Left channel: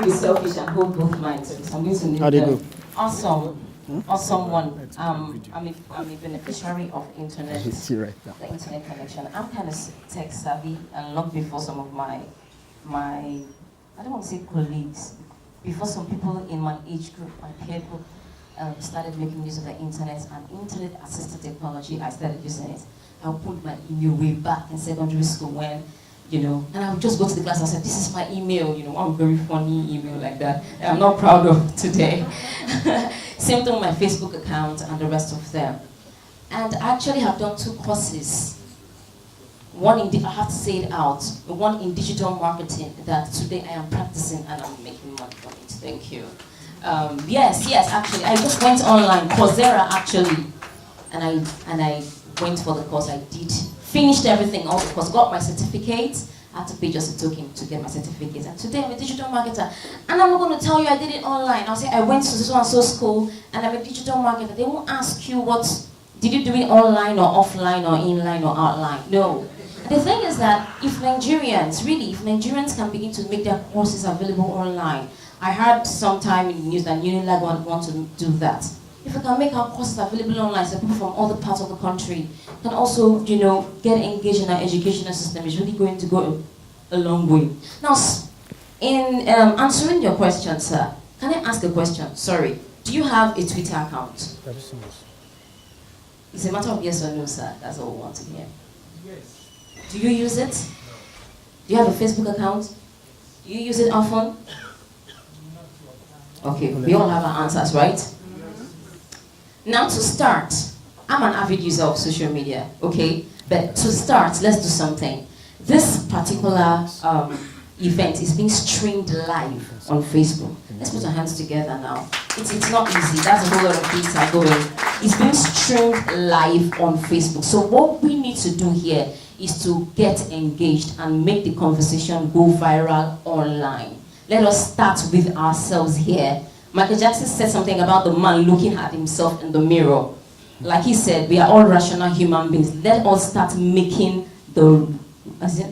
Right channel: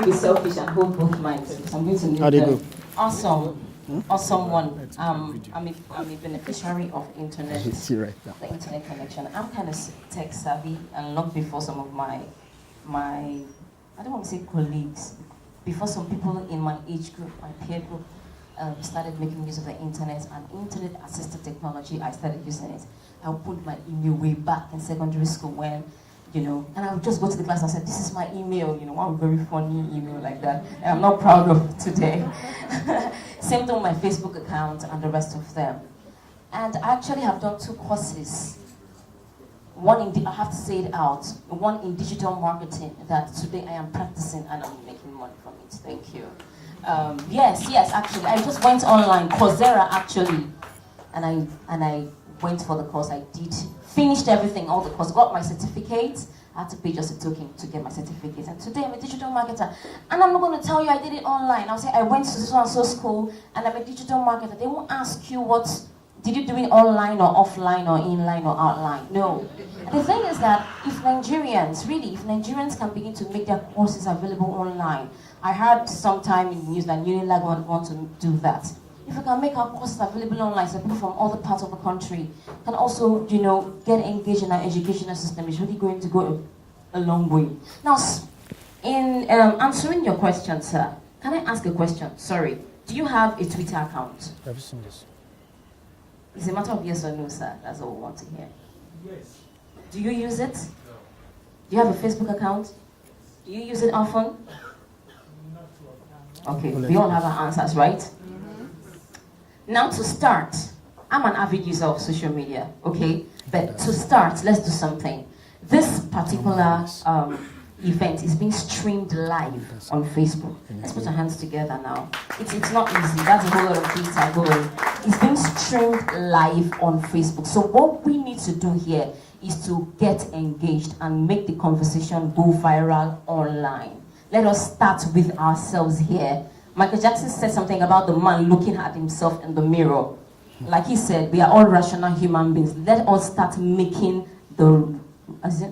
me be selfish and hold both minds. So I'm going to need them. Awesome. Awesome one. I'm a beneficiary of internet, the internet connection. I'm kind of tech savvy, and long before some of my I don't want to say colleagues, before some people in my age group, my peer group, started making use of the internet and internet-assisted technology. I started using it. I put my email way back in secondary school when, and I would just go to the class and say, this is my email, one very funny email like that I'm not proud of today. Same thing with my Facebook account and the rest of them. And I actually have done 2 courses. One in, I have to say it out, one in digital marketing that today I am practicing and I'm making money from it. Thank you. Yes, actually, I just went online, Coursera actually, and I went for the course. I did, finished everything, all the course, got my certificate. I had to pay just a token to get my certificate. And today I'm a digital marketer. And I'm not going to tell you I did it online. I'll say I went to so and so school and I'm a digital marketer. They won't ask you did you do it online or offline or inline or outline? No. The thing is that if Nigerians can begin to make their courses available online, I heard sometime in the news that Unilag want to do that. If we can make our courses available online, so people from other parts of the country can also, get engaged in our educational system, it's really going to go a long way. Now, in answering your question, sir, can I ask a question? Sorry. Do you have a Twitter account? It's a matter of yes or no, sir. That's all we want to hear. Yes. Do you use it? Do you have a Facebook account? Do you use it often? Okay, we all have our answers, right? Now to start, I'm an avid user of social media, okay? But to start, let's do something. This particular event is being streamed live on Facebook. Let's put our hands together now. It's not easy, that's a whole lot of things are going. It's being streamed live on Facebook. So what we need to do here is to get engaged and make the conversation go viral online. Let us start with ourselves here. Michael Jackson said something about the man looking at himself in the mirror. Like he said, we are all rational human beings. Let us start making the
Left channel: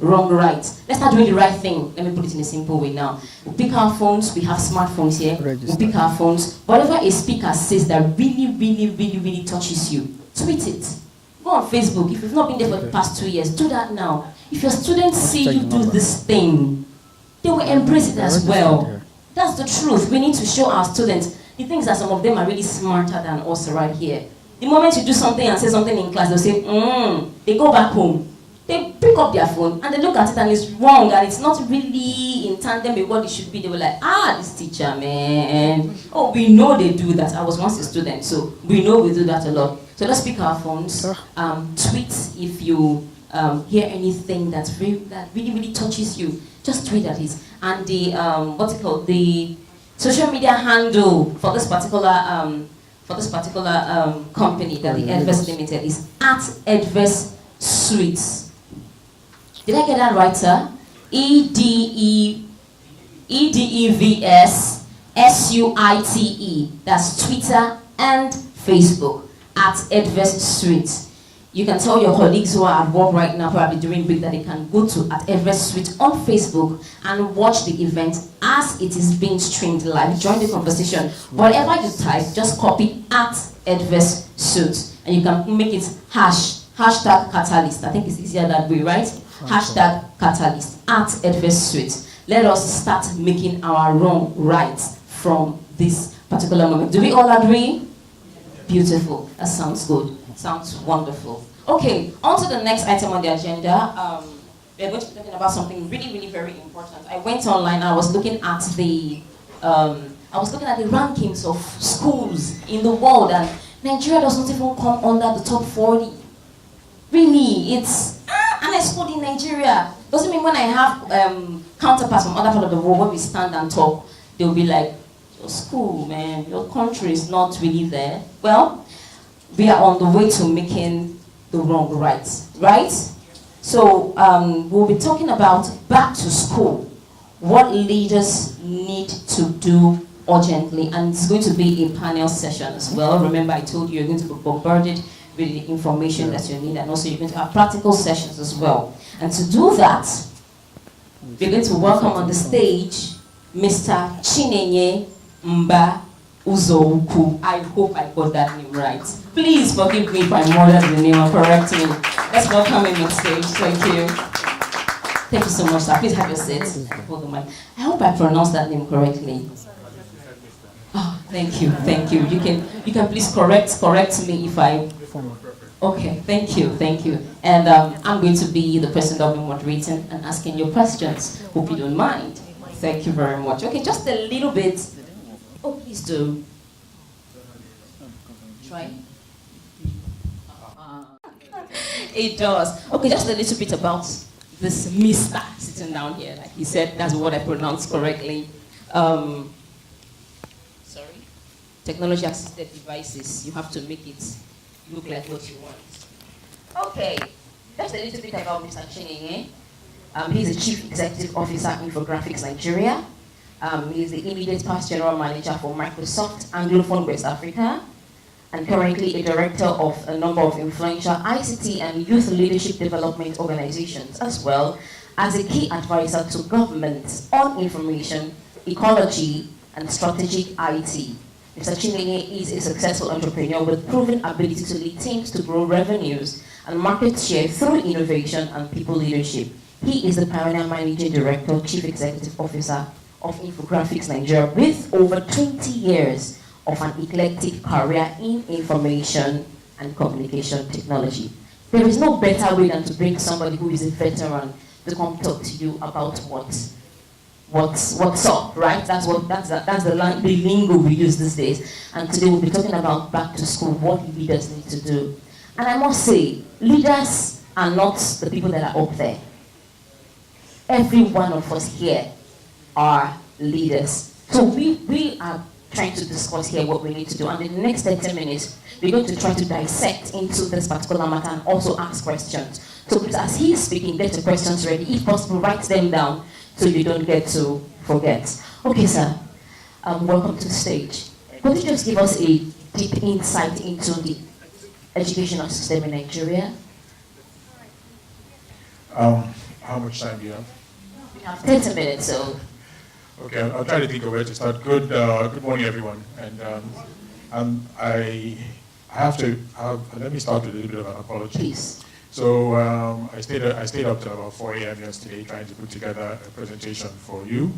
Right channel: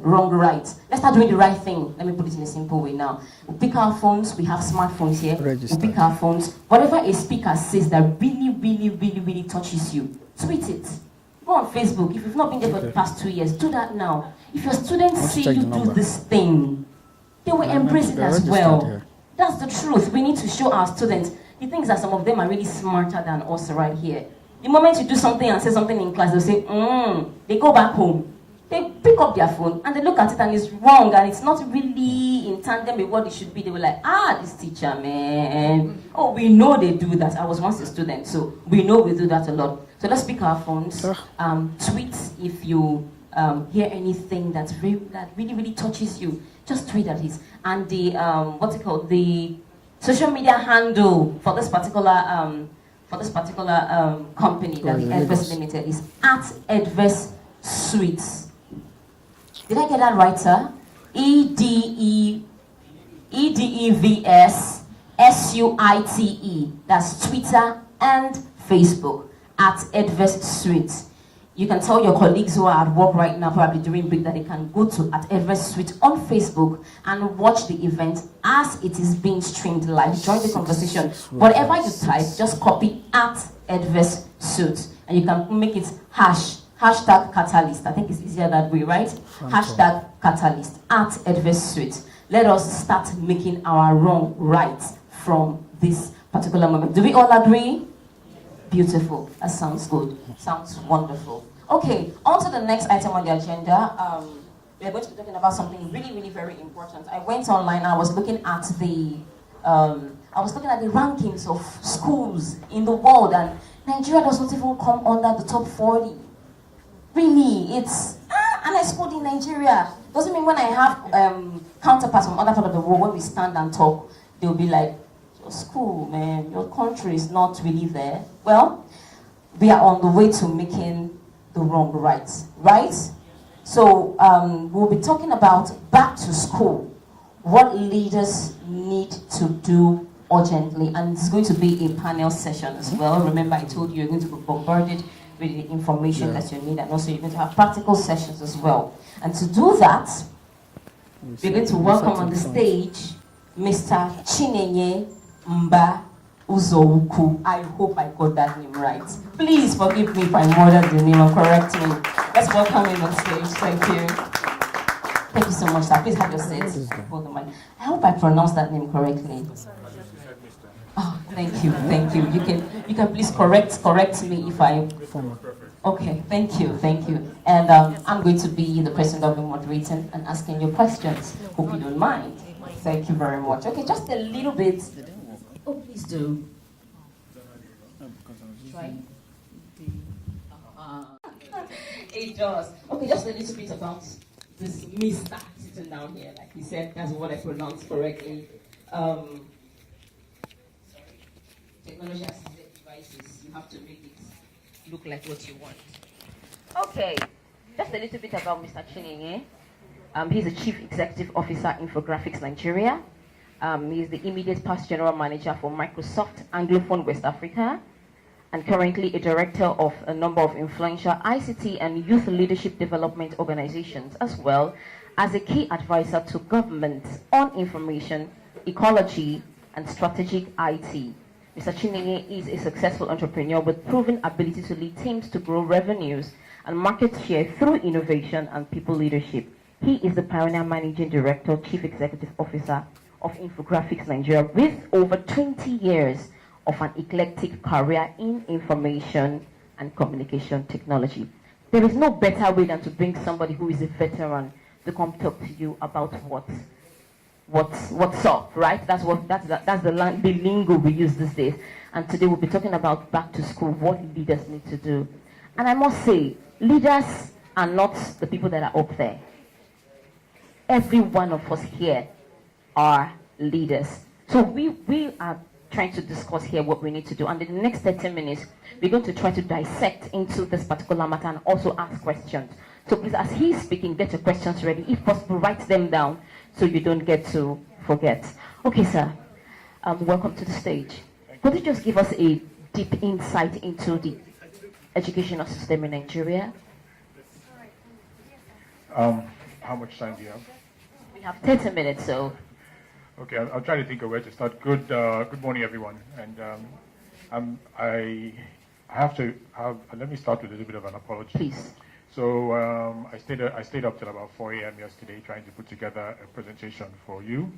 wrong right. Let's start doing the right thing. Let me put it in a simple way now. We pick our phones, we have smartphones here. We pick our phones. Whatever a speaker says that really touches you, tweet it. Go on Facebook. If you've not been there for the past 2 years, do that now. If your students see you do this thing, they will embrace it as well. That's the truth. We need to show our students the things that some of them are really smarter than us right here. The moment you do something and say something in class, they'll say, they go back home. They pick up their phone and they look at it and it's wrong and it's not really in tandem with what it should be. They were like, this teacher, man. Oh, we know they do that. I was once a student, so we know we do that a lot. So let's pick our phones, tweet if you hear anything that really touches you. Just tweet at it. And the the social media handle for this particular company that the Edverse Limited is @Edverse Suites. Did I get that right, sir? EDEVS SUITE. That's Twitter and Facebook @Edverse Suites. You can tell your colleagues who are at work right now, probably during break, that they can go to @Edverse Suite on Facebook and watch the event as it is being streamed live. Join the conversation. Whatever you type, just copy @Edverse Suite, and you can make it hashtag catalyst. I think it's easier that way, right? Hashtag catalyst @Edverse Suite. Let us start making our wrong right from this particular moment. Do we all agree? Beautiful. That sounds good. Sounds wonderful. Okay, on to the next item on the agenda. We are going to be talking about something really very important. I went online and I was looking at the rankings of schools in the world, and Nigeria does not even come under the top 40. Really, it's an school in Nigeria. Doesn't mean when I have counterparts from other parts of the world, when we stand and talk, they'll be like, your school, man, your country is not really there. Well, we are on the way to making the wrong right? So we'll be talking about back to school, what leaders need to do urgently, and it's going to be a panel session as well. Remember, I told you you're going to be bombarded with the information that you need, and also you're going to have practical sessions as well. And to do that, we're going to welcome on the stage Mr. Chinenye Mba Uzokwu. I hope I got that name right. Please forgive me if I murdered the name or correct me. Let's welcome him on stage. Thank you. Thank you so much, sir. Please have your seat. Hold the mic. I hope I pronounced that name correctly. Oh, thank you, thank you. You can please correct me if I. Okay, thank you. And I'm going to be the person that will be moderating and asking you questions. Hope you don't mind. Thank you very much. Okay, just a little bit. Oh, please do. Try. It does. Okay, just a little bit about this Mr. sitting down here. Like he said, that's what I pronounced correctly. Sorry. Technology-assisted devices. You have to make it look like what you want. Okay, just a little bit about Mr. Chinenye. He's the Chief Executive Officer Infographics Nigeria. He's the immediate past General Manager for Microsoft Anglophone West Africa, and currently a Director of a number of influential ICT and youth leadership development organizations, as well as a key advisor to governments on information, ecology, and strategic IT. Mr. Chinenye is a successful entrepreneur with proven ability to lead teams to grow revenues and market share through innovation and people leadership. He is the pioneer managing director, chief executive officer of Infographics Nigeria, with over 20 years of an eclectic career in information and communication technology. There is no better way than to bring somebody who is a veteran to come talk to you about what's up, right? That's the lingo we use these days. And today we'll be talking about back to school, what leaders need to do. And I must say, leaders are not the people that are up there. Every one of us here are leaders. So we are trying to discuss here what we need to do. And in the next 30 minutes, we're going to try to dissect into this particular matter and also ask questions. So please, as he's speaking, get your questions ready. If possible, write them down so you don't get to forget. Okay, sir. Welcome to the stage. Could you just give us a deep insight into the educational system in Nigeria? How much time do you have? We have 30 minutes, so. Okay, I'll try to think of where to start. Good morning, everyone. And I have to let me start with a little bit of an apology. Please. So I stayed up till about 4 a.m. yesterday trying to put together a presentation for you.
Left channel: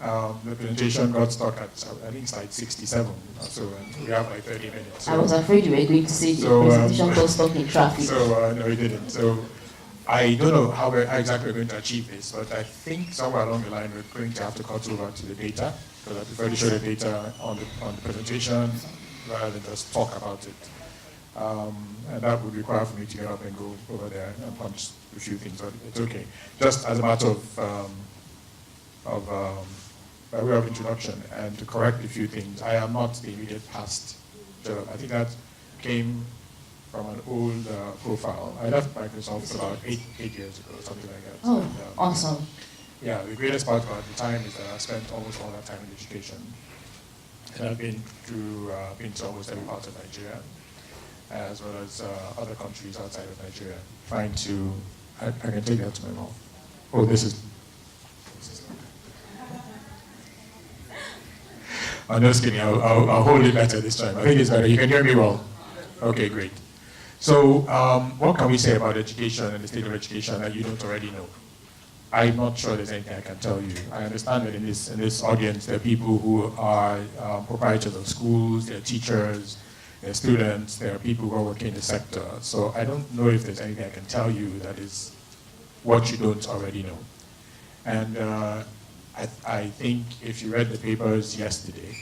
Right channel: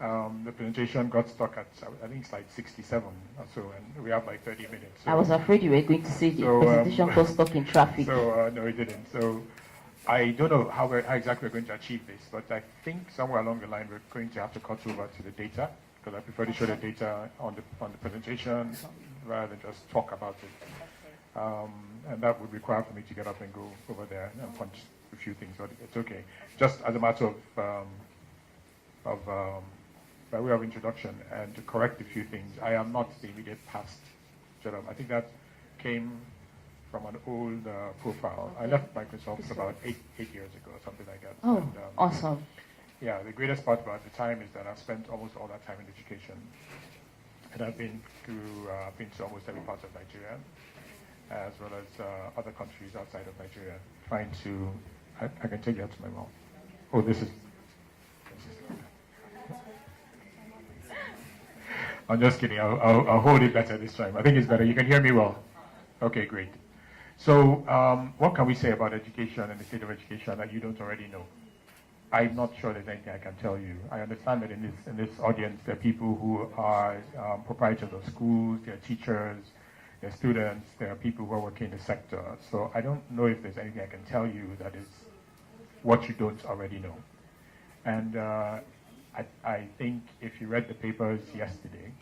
The presentation got stuck at, I think, slide 67 or so, and we have like 30 minutes. So, I was afraid you were going to say the presentation got stuck in traffic. So no, it didn't. So I don't know how exactly we're going to achieve this, but I think somewhere along the line we're going to have to cut over to the data, because I prefer to show the data on the presentation rather than just talk about it. And that would require for me to get up and go over there and punch a few things, but it's okay. Just as a matter by way of introduction and to correct a few things, I am not the immediate past job. I think that came from an old profile. I left Microsoft about eight years ago, something like that. Oh, and, awesome. Yeah, the greatest part about the time is that I've spent almost all that time in education. And I've been to almost every part of Nigeria, as well as other countries outside of Nigeria, trying to, I can take that to my mouth. Oh, this is I'm just kidding, I'll hold it better this time. I think it's better, you can hear me well. Okay, great. So, what can we say about education and the state of education that you don't already know? I'm not sure there's anything I can tell you. I understand that in this audience, there are people who are proprietors of schools, there are teachers, there are students, there are people who are working in the sector. So I don't know if there's anything I can tell you that is what you don't already know. And I think if you read the papers yesterday,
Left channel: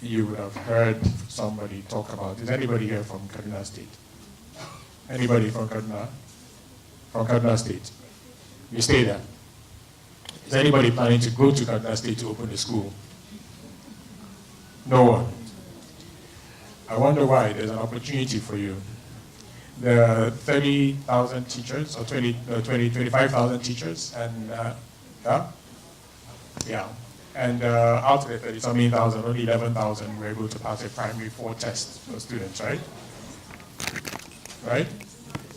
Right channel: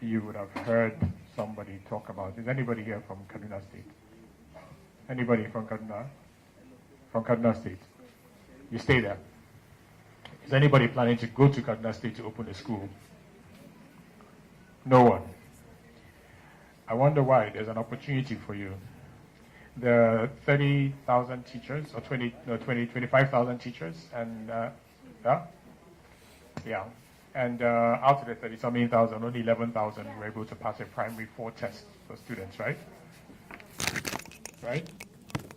you would have heard somebody talk about, is anybody here from Kaduna State? Anybody from Kaduna? From Kaduna State? You stay there. Is anybody planning to go to Kaduna State to open a school? No one. I wonder why. There's an opportunity for you. There are 30,000 teachers, or 25,000 teachers, and and out of the 30-something thousand, only 11,000 were able to pass a primary 4 test for students, right? Right?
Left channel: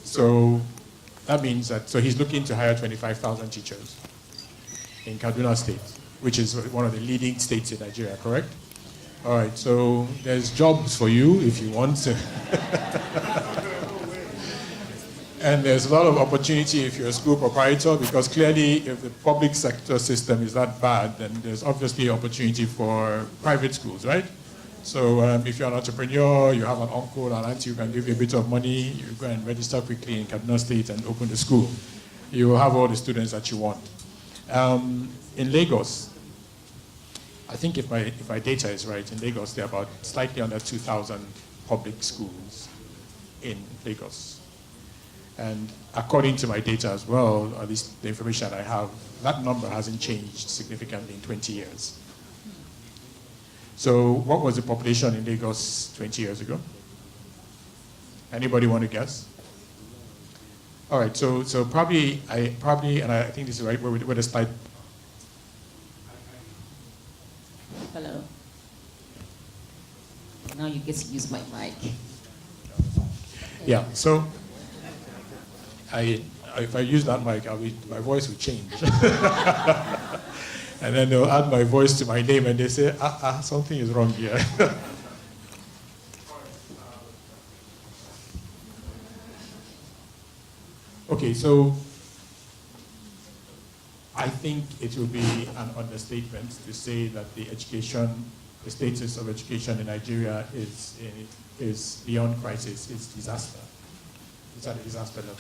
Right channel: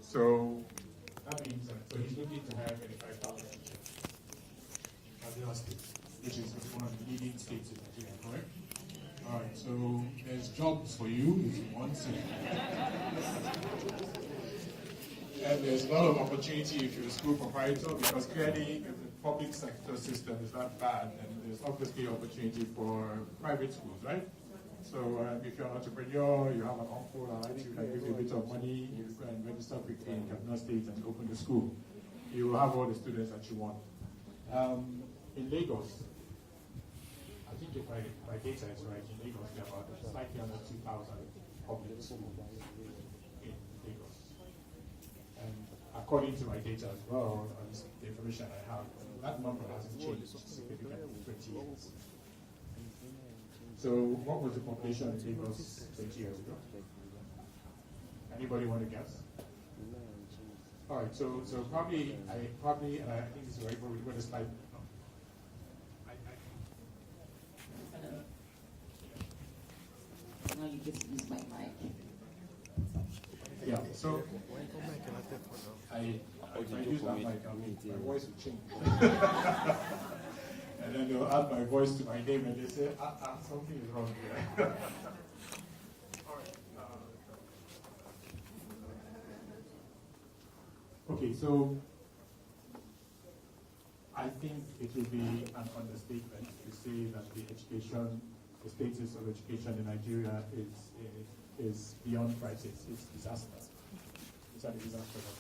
So that means that, so he's looking to hire 25,000 teachers in Kaduna State. which is one of the leading states in Nigeria, correct? All right, so there's jobs for you if you want to. And there's a lot of opportunity if you're a school proprietor, because clearly if the public sector system is that bad, then there's obviously opportunity for private schools, right? So if you're an entrepreneur, you have an uncle, an auntie who can give you a bit of money, you go and register quickly in Kaduna State and open the school. You will have all the students that you want. In Lagos, I think if my data is right, in Lagos there are about slightly under 2,000 public schools in Lagos. And according to my data as well, at least the information I have, that number hasn't changed significantly in 20 years. So what was the population in Lagos 20 years ago? Anybody want to guess? All right, so probably, and I think this is right, where the slide. Hello. Now you get to use my mic. Yeah, so if I use that mic, my voice will change. And then they'll add my voice to my name and they say, something is wrong here. Okay, so I think it will be an understatement to say that the status of education in Nigeria is beyond crisis, it's disaster. It's at a disaster level.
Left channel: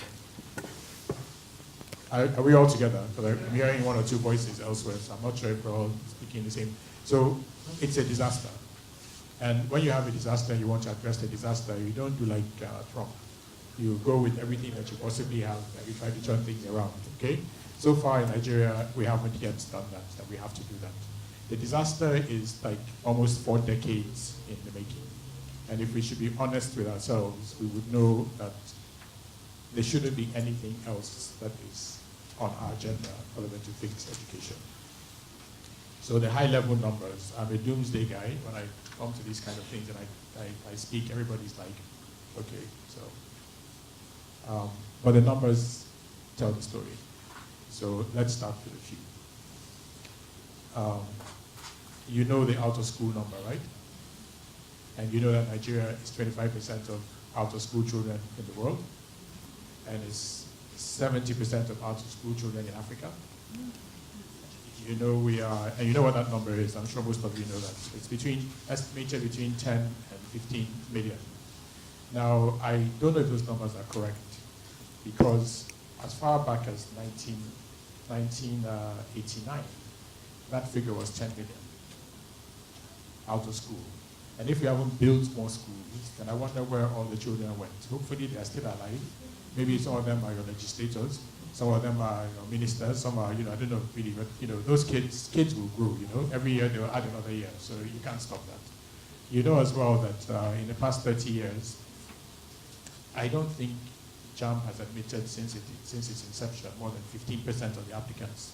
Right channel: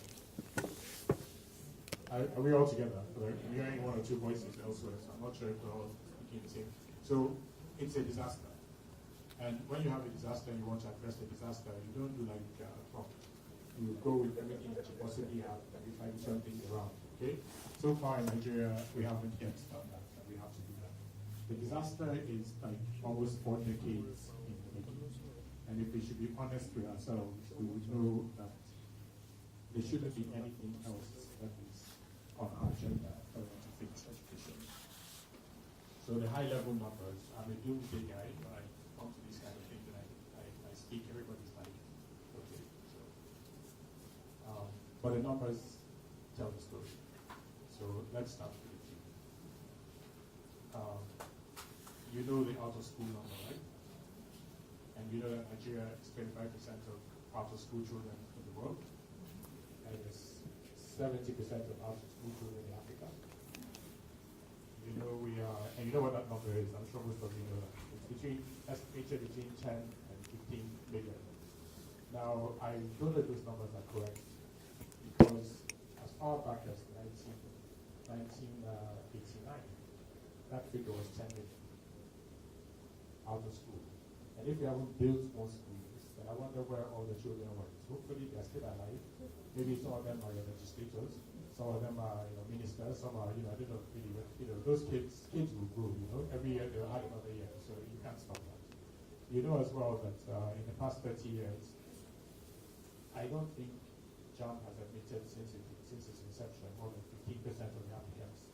Are we all together? Because I'm hearing one or two voices elsewhere, so I'm not sure if we're all speaking the same. So it's a disaster. And when you have a disaster and you want to address the disaster, you don't do like Trump. You go with everything that you possibly have and you try to turn things around, okay? So far in Nigeria, we haven't yet done that, and we have to do that. The disaster is like almost 4 decades in the making. And if we should be honest with ourselves, we would know that there shouldn't be anything else that is on our agenda other than to fix education. So the high-level numbers, I'm a doomsday guy. When I come to these kind of things and I speak, everybody's like, okay, so. But the numbers tell the story. So let's start with a few. You know the out-of-school number, right? And you know that Nigeria is 25% of out-of-school children in the world, and it's 70% of out-of-school children in Africa. You know we are, and you know what that number is. I'm sure most of you know that. It's estimated between 10 and 15 million. Now, I don't know if those numbers are correct, because as far back as 1989, that figure was 10 million out of school. And if we haven't built more schools, then I wonder where all the children went. Hopefully they are still alive. Maybe some of them are your legislators, some of them are ministers, some are, I don't know really, but those kids will grow, Every year they will add another year, so you can't stop that. You know as well that in the past 30 years, I don't think JAMB has admitted since its inception more than 15% of the applicants.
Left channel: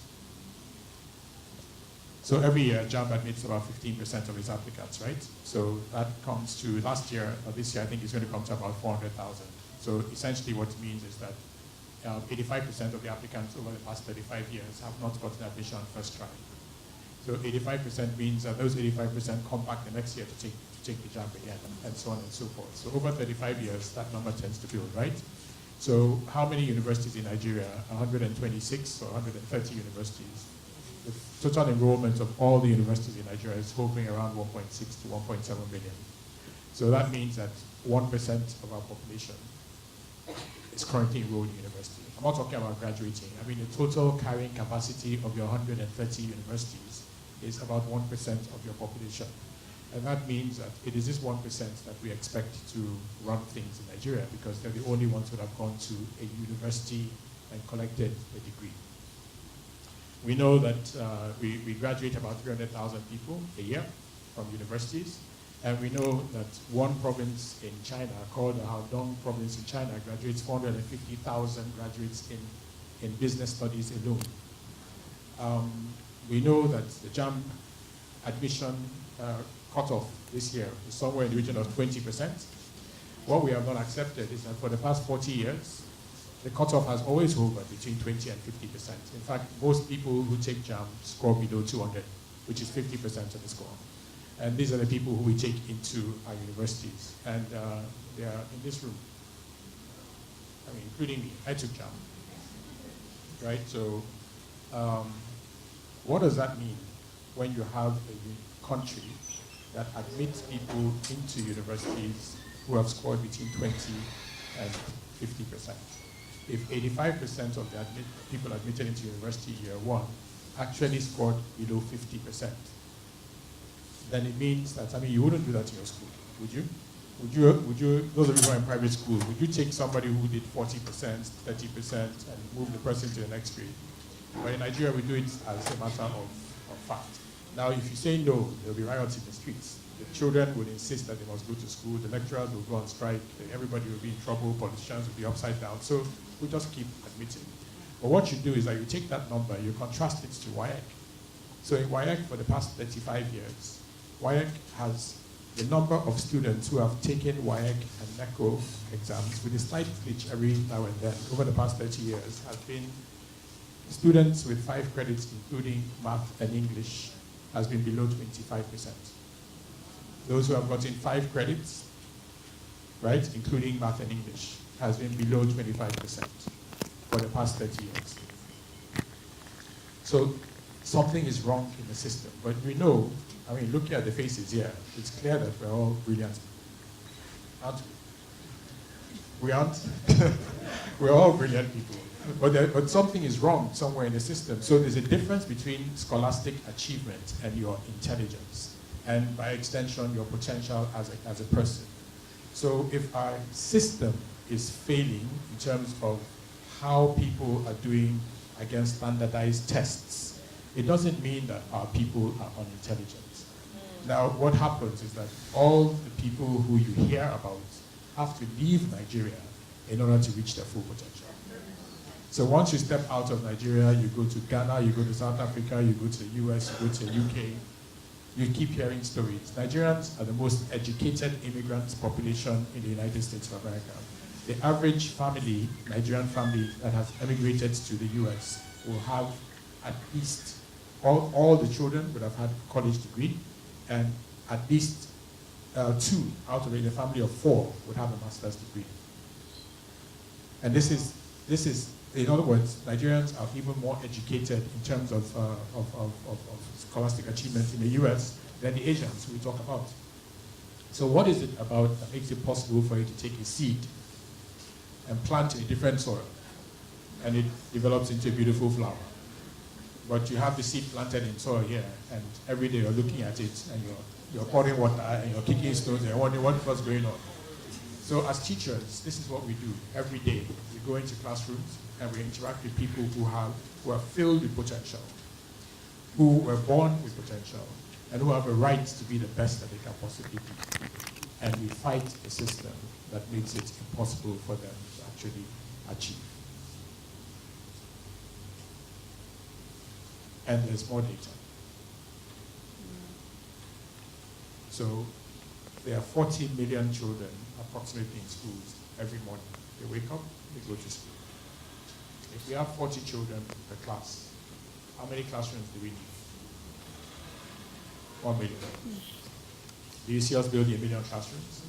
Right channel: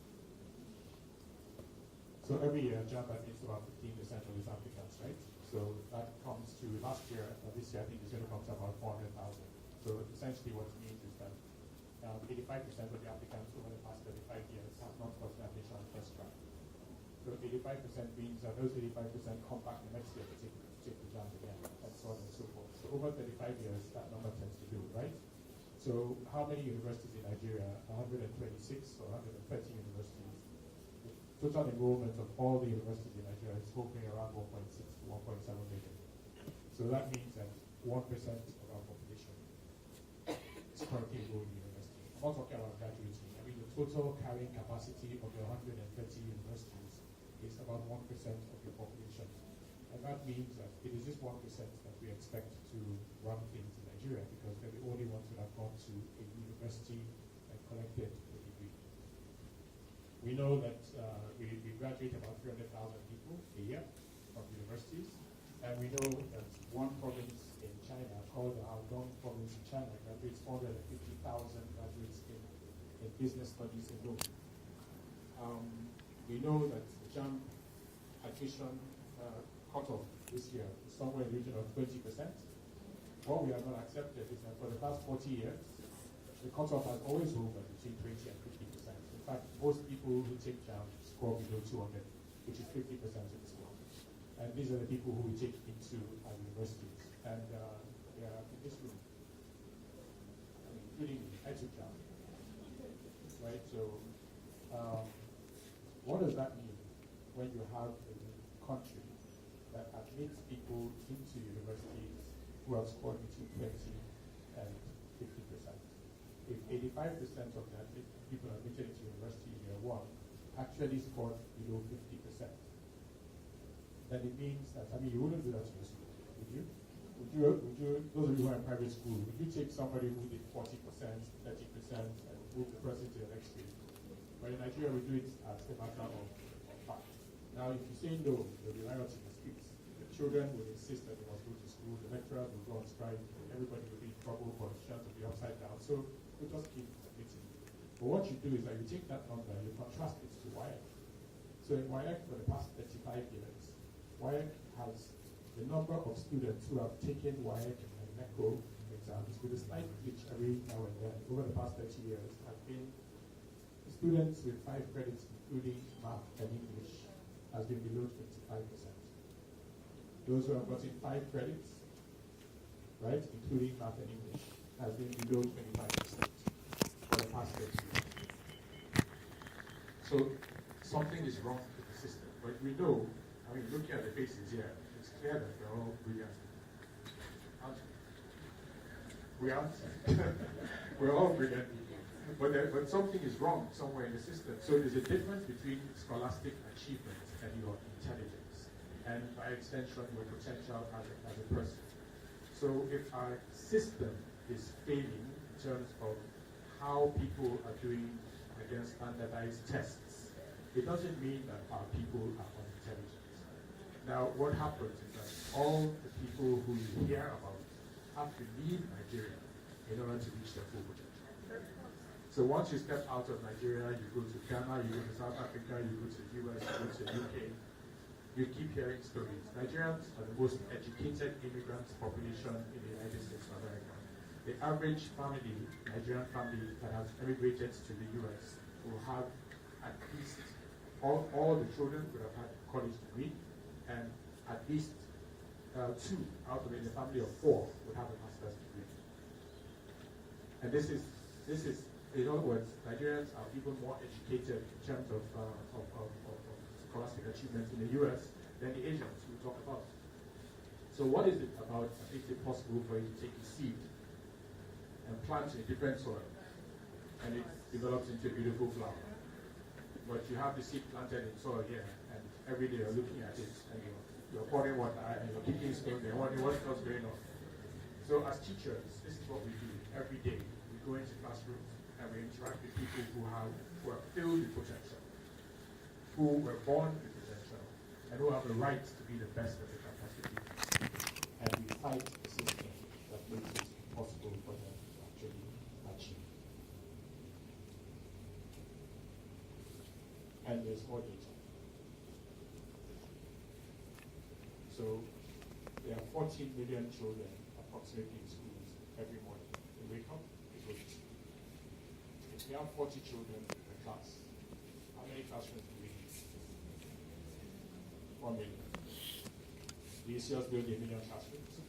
So every year, JAMB admits about 15% of its applicants, right? So that comes to last year, or this year, I think it's going to come to about 400,000. So essentially what it means is that 85% of the applicants over the past 35 years have not gotten admission on first try. So 85% means that those 85% come back the next year to take the JAMB again, and so on and so forth. So over 35 years, that number tends to build, right? So how many universities in Nigeria? 126 or 130 universities. The total enrollment of all the universities in Nigeria is hovering around 1.6 to 1.7 million. So that means that 1% of our population is currently enrolled in university. I'm not talking about graduating. I mean, the total carrying capacity of your 130 universities is about 1% of your population. And that means that it is this 1% that we expect to run things in Nigeria, because they're the only ones who have gone to a university and collected a degree. We know that we graduate about 300,000 people a year from universities, and we know that one province in China, called the Haodong province in China, graduates 450,000 graduates in business studies alone. We know that the JAMB admission cutoff this year is somewhere in the region of 20%. What we have not accepted is that for the past 40 years, the cutoff has always hovered between 20 and 50%. In fact, most people who take JAM score below 200, which is 50% of the score. And these are the people who we take into our universities. And they are in this room. I mean, including me. I took JAM. Right? So, what does that mean when you have a country that admits people into universities who have scored between 20 and 50%? If 85% of the people admitted into university year one actually scored below 50%, then it means that, I mean, you wouldn't do that in your school, would you? Would you, those of you who are in private school, would you take somebody who did 40%, 30%, and move the person to the next grade? But in Nigeria, we do it as a matter of fact. Now, if you say no, there'll be riots in the streets. The children would insist that they must go to school, the lecturers will go on strike, everybody will be in trouble, politicians will be upside down. So we just keep admitting. But what you do is that you take that number, you contrast it to WAEC. So in WAEC, for the past 35 years, WAEC has the number of students who have taken WAEC and NECO exams, with a slight glitch every now and then, over the past 30 years, has been students with 5 credits, including math and English, has been below 25%. Those who have gotten 5 credits, right, including math and English, has been below 25% for the past 30 years. So something is wrong in the system. But we know, I mean, looking at the faces here, it's clear that we're all brilliant. Aren't we? We aren't? We're all brilliant people. But something is wrong somewhere in the system. So there's a difference between scholastic achievement and your intelligence, and by extension, your potential as a person. So if our system is failing in terms of how people are doing against standardized tests, it doesn't mean that our people are unintelligent. Now, what happens is that all the people who you hear about have to leave Nigeria in order to reach their full potential. So once you step out of Nigeria, you go to Ghana, you go to South Africa, you go to the US, you go to the UK, you keep hearing stories. Nigerians are the most educated immigrant population in the United States of America. The average family, Nigerian family that has emigrated to the US will have at least, all the children would have had a college degree, and at least 2 out of a family of 4 would have a master's degree. And this is, in other words, Nigerians are even more educated in terms of scholastic achievement in the US than the Asians we talk about. So what is it about that makes it possible for you to take a seed and plant in a different soil, and it develops into a beautiful flower? But you have the seed planted in soil here, and every day you're looking at it, and you're pouring water, and you're kicking stones, and you're wondering what's going on. So as teachers, this is what we do every day. We go into classrooms, and we interact with people who are filled with potential, who were born with potential, and who have a right to be the best that they can possibly be. And we fight the system that makes it impossible for them to actually achieve. And there's more data. So there are 40 million children approximately in schools every morning. They wake up, they go to school. If we have 40 children per class, how many classrooms do we need? 1 million. Do you see us building 1 million classrooms?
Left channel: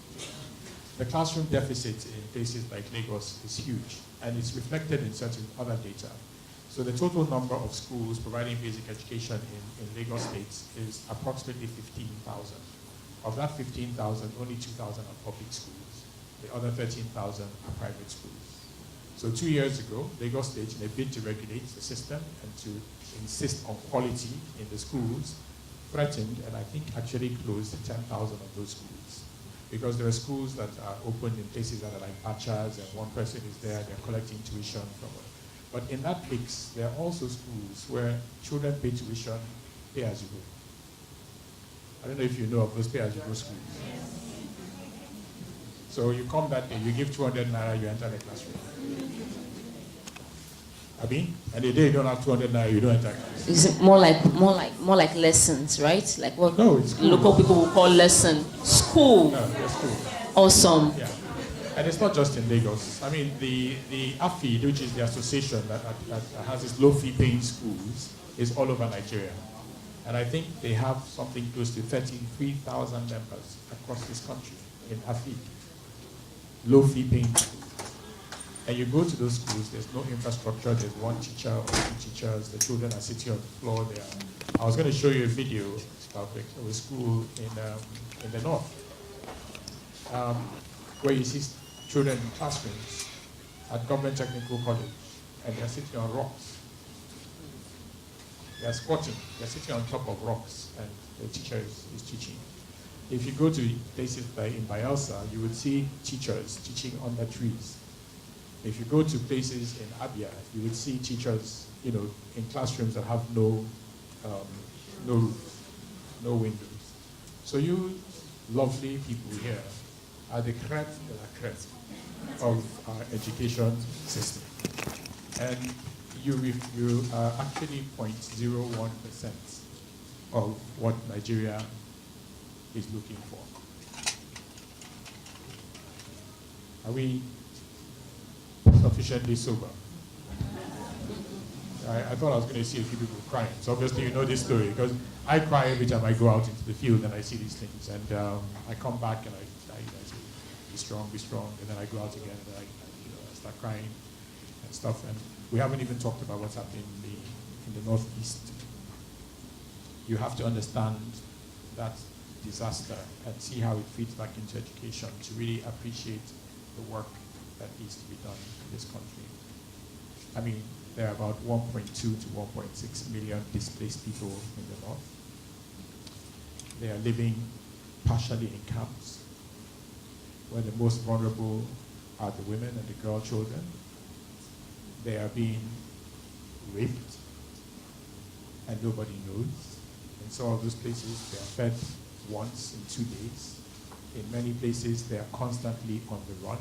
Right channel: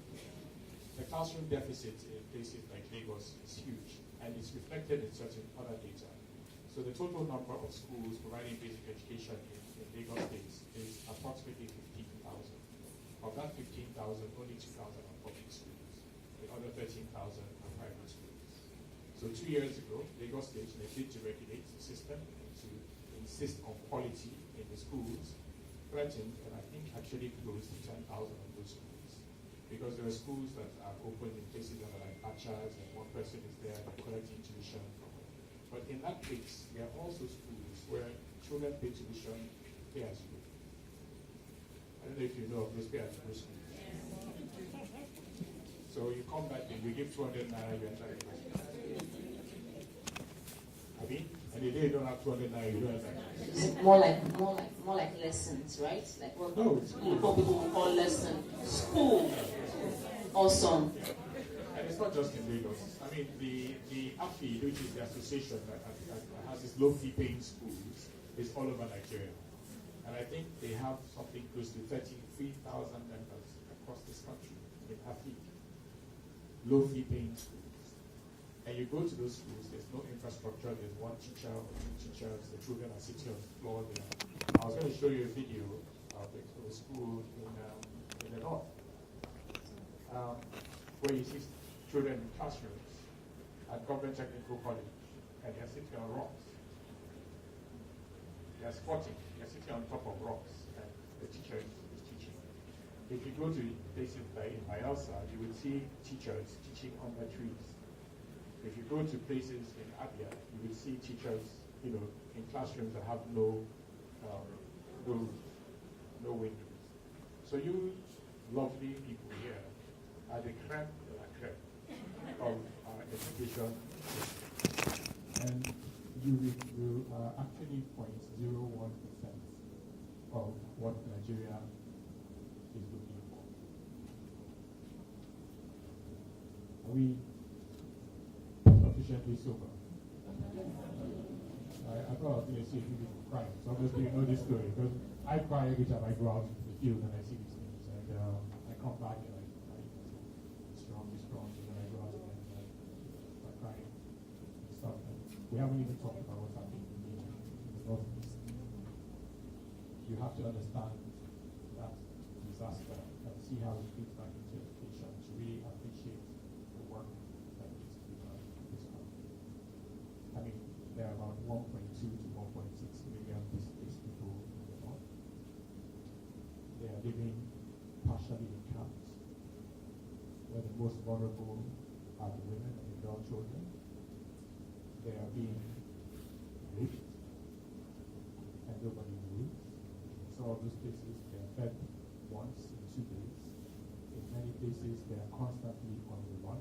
The classroom deficit in places like Lagos is huge, and it's reflected in certain other data. So the total number of schools providing basic education in Lagos State is approximately 15,000. Of that 15,000, only 2,000 are public schools. The other 13,000 are private schools. So 2 years ago, Lagos State, in a bid to regulate the system and to insist on quality in the schools, threatened and I think actually closed 10,000 of those schools. Because there are schools that are open in places that are like Bachas, and one person is there, they're collecting tuition from it. But in that mix, there are also schools where children pay tuition, pay as you go. I don't know if you know of those pay as you go schools. So you come that day, you give 200 naira, you enter the classroom. And the day you don't have 200 naira, you don't enter class. Is it more like lessons, right? Like what local people will call lesson. School. Yeah, school. Awesome. Yeah. And it's not just in Lagos. I mean, the AFID, which is the association that has its low-fee paying schools, is all over Nigeria. And I think they have something close to 33,000 members across this country in AFID, low-fee paying schools. And you go to those schools, there's no infrastructure, there's one teacher or two teachers, the children are sitting on the floor there. I was going to show you a video of a school in the north, where you see children in classrooms at Government Technical College, and they're sitting on rocks. They're squatting, they're sitting on top of rocks, and the teacher is teaching. If you go to places like in Bayelsa, you would see teachers teaching under trees. If you go to places in Abia, you would see teachers, in classrooms that have no roofs, no windows. So you lovely people here are the crème de la crème of our education system. And you are actually 0.01% of what Nigeria is looking for. Are we sufficiently sober? I thought I was going to see a few people crying. So obviously you know this story, because I cry every time I go out into the field and I see these things. And I come back and I say, be strong. And then I go out again and I start crying and stuff. And we haven't even talked about what's happening in the Northeast. You have to understand that disaster and see how it feeds back into education to really appreciate the work that needs to be done in this country. I mean, there are about 1.2 to 1.6 million displaced people in the north. They are living partially in camps, where the most vulnerable are the women and the girl children. They are being raped, and nobody knows. In some of those places, they are fed once in 2 days. In many places, they are constantly on the run.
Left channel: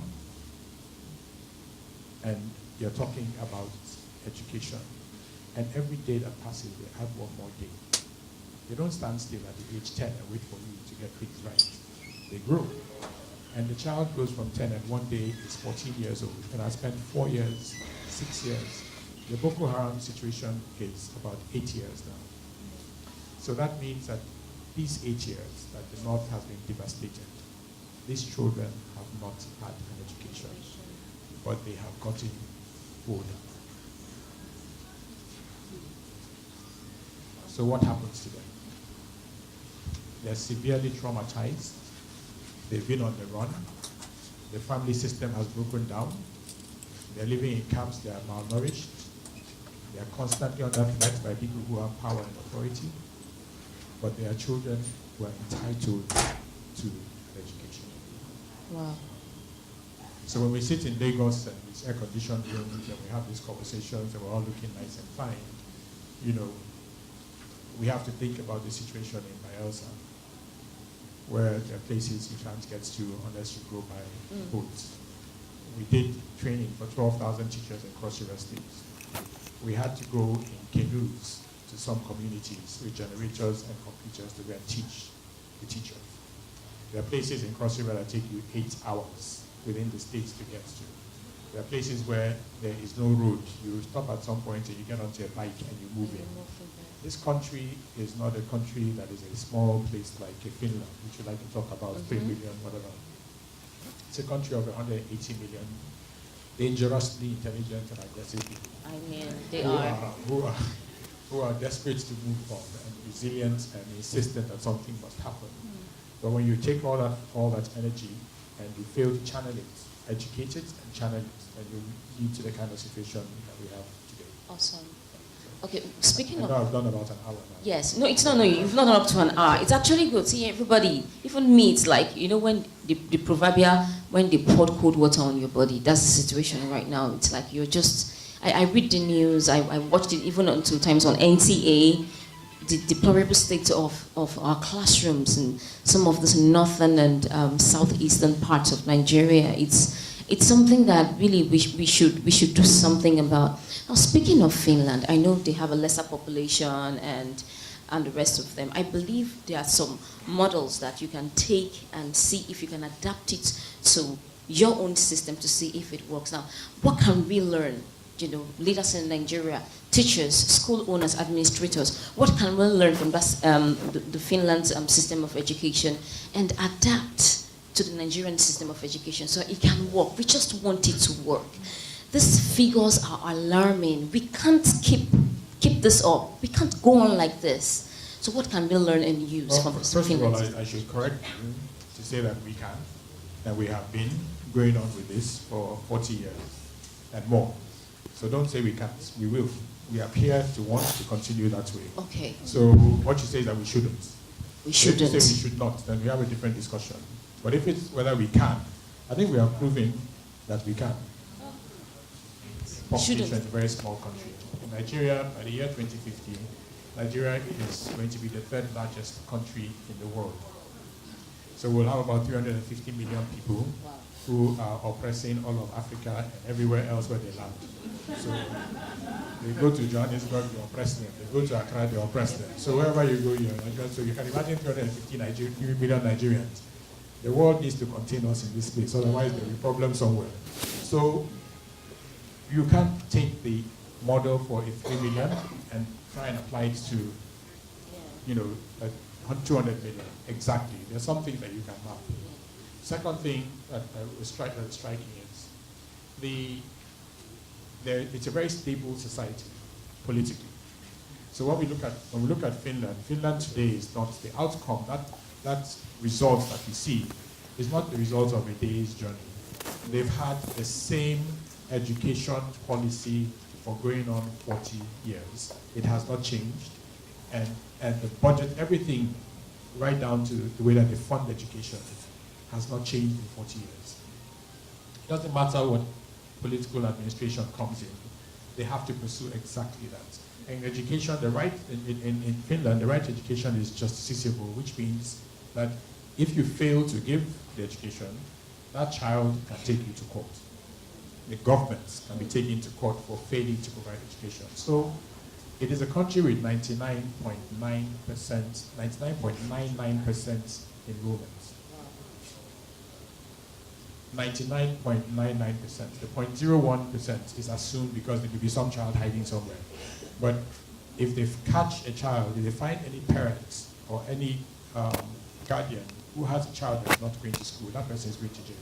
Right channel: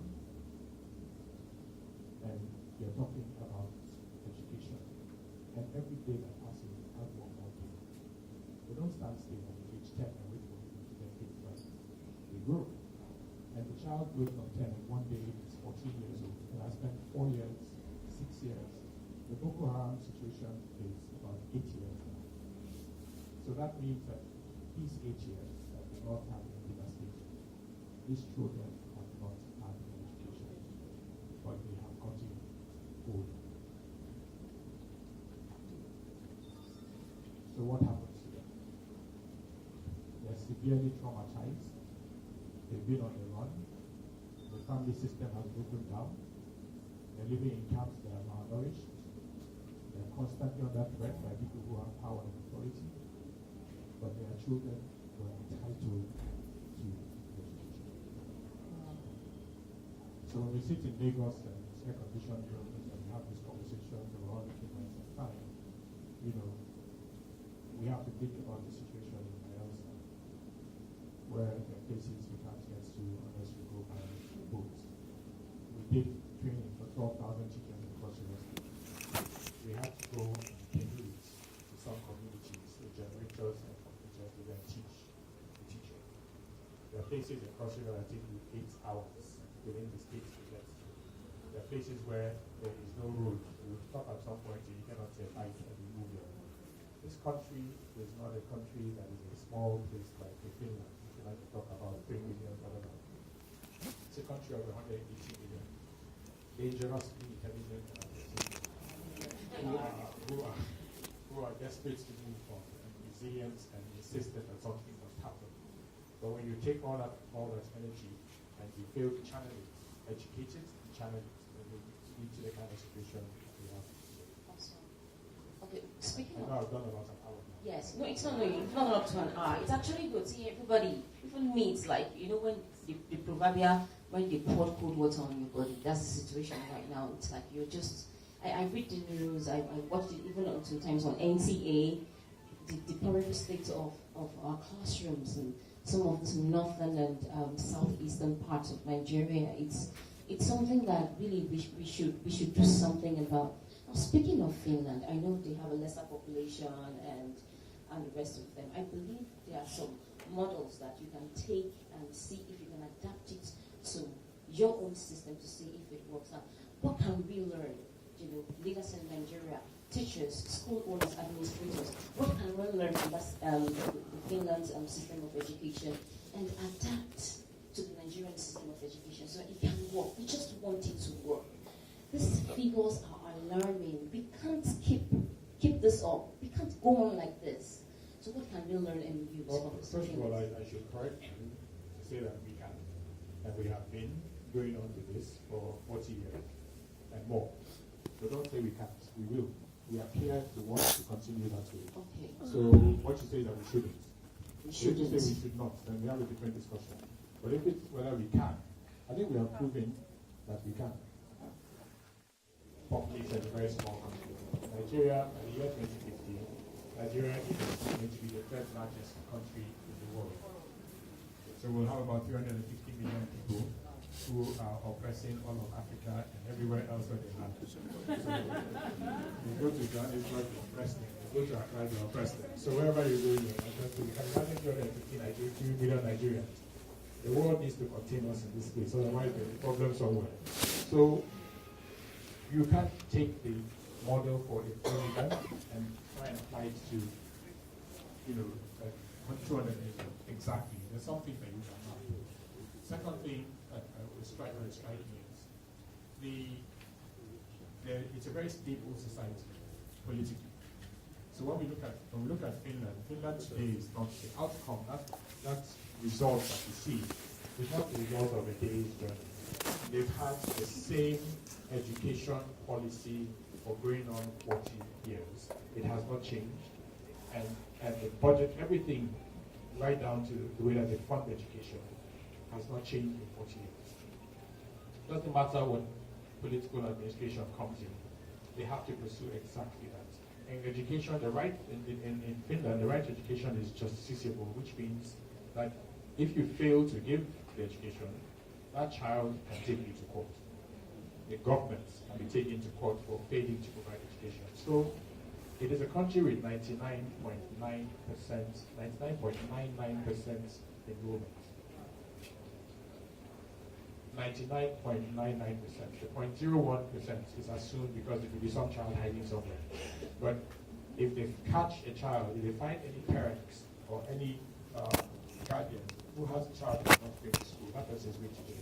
And you're talking about education. And every day that passes, they add one more day. They don't stand still at the age 10 and wait for me to get things right. They grow. And the child goes from 10 and one day is 14 years old. And I spent 4 years, 6 years. The Boko Haram situation is about 8 years now. So that means that these 8 years that the North has been devastated, these children have not had an education, but they have gotten older. So what happens to them? They're severely traumatized. They've been on the run. The family system has broken down. They're living in camps. They are malnourished. They are constantly under threat by people who have power and authority. But they are children who are entitled to education. Wow. So when we sit in Lagos and it's air-conditioned rooms and we have these conversations and we're all looking nice and fine, we have to think about the situation in Bayelsa, where there are places you can't get to unless you go by boat. We did training for 12,000 teachers across River States. We had to go in canoes to some communities with generators and computers to go and teach the teachers. There are places in Cross River that take you 8 hours within the states to get to. There are places where there is no road. You stop at some point and you get onto a bike and you move in. This country is not a country that is a small place like Finland, which we like to talk about, 3 million, whatever. It's a country of 180 million, dangerously intelligent and aggressive people. I mean, they are. Who are desperate to move on and resilient and insistent that something must happen. But when you take all that energy and you fail to channel it, educate it and channel it, and you lead to the kind of situation that we have today. Awesome. Okay, speaking of... I've done about an hour now. Yes, no, it's not, no, you've not done up to an hour. It's actually good seeing everybody, even me, it's like, when the proverbial, when they poured cold water on your body, that's the situation right now. It's like you're just, I read the news, I watched it even until times on NTA, the deplorable state of our classrooms in some of the northern and southeastern parts of Nigeria. It's something that really we should do something about. Now, speaking of Finland, I know they have a lesser population and the rest of them. I believe there are some models that you can take and see if you can adapt it to your own system to see if it works. Now, what can we learn? Leaders in Nigeria, teachers, school owners, administrators, what can we learn from the Finland's system of education and adapt to the Nigerian system of education so it can work? We just want it to work. These figures are alarming. We can't keep this up. We can't go on like this. So what can we learn and use from this? First of all, I should correct you to say that we can, that we have been going on with this for 40 years and more. So don't say we can't, we will. We appear to want to continue that way. Okay. So what you say is that we shouldn't. We shouldn't. If you say we should not, then we have a different discussion. But if it's whether we can, I think we are proving that we can. Population is a very small country. Nigeria, by the year 2050, Nigeria is going to be the third largest country in the world. So we'll have about 350 million people who are oppressing all of Africa and everywhere else where they land. So they go to Johannesburg, they oppress them. They go to Accra, they oppress them. So wherever you go, you're like, so you can imagine 350 million Nigerians. The world needs to contain us in this place, otherwise there'll be problems somewhere. So you can't take the model for a 3 million and try and apply it to, 200 million. Exactly. There's some things that you can have. Second thing that was striking is it's a very stable society politically. So when we look at Finland today is not the outcome. That result that you see is not the result of a day's journey. They've had the same education policy for going on 40 years. It has not changed, and the budget, everything, right down to the way that they fund education, has not changed in 40 years. It doesn't matter what political administration comes in, they have to pursue exactly that. In education, in Finland, the right to education is justiciable, which means that if you fail to give the education, that child can take you to court. The government can be taken to court for failing to provide education. So it is a country with 99.99% enrollment. 99.99%. The 0.01% is assumed because there could be some child hiding somewhere. But if they catch a child, if they find any parents or any guardian who has a child that's not going to school, that person is going to jail.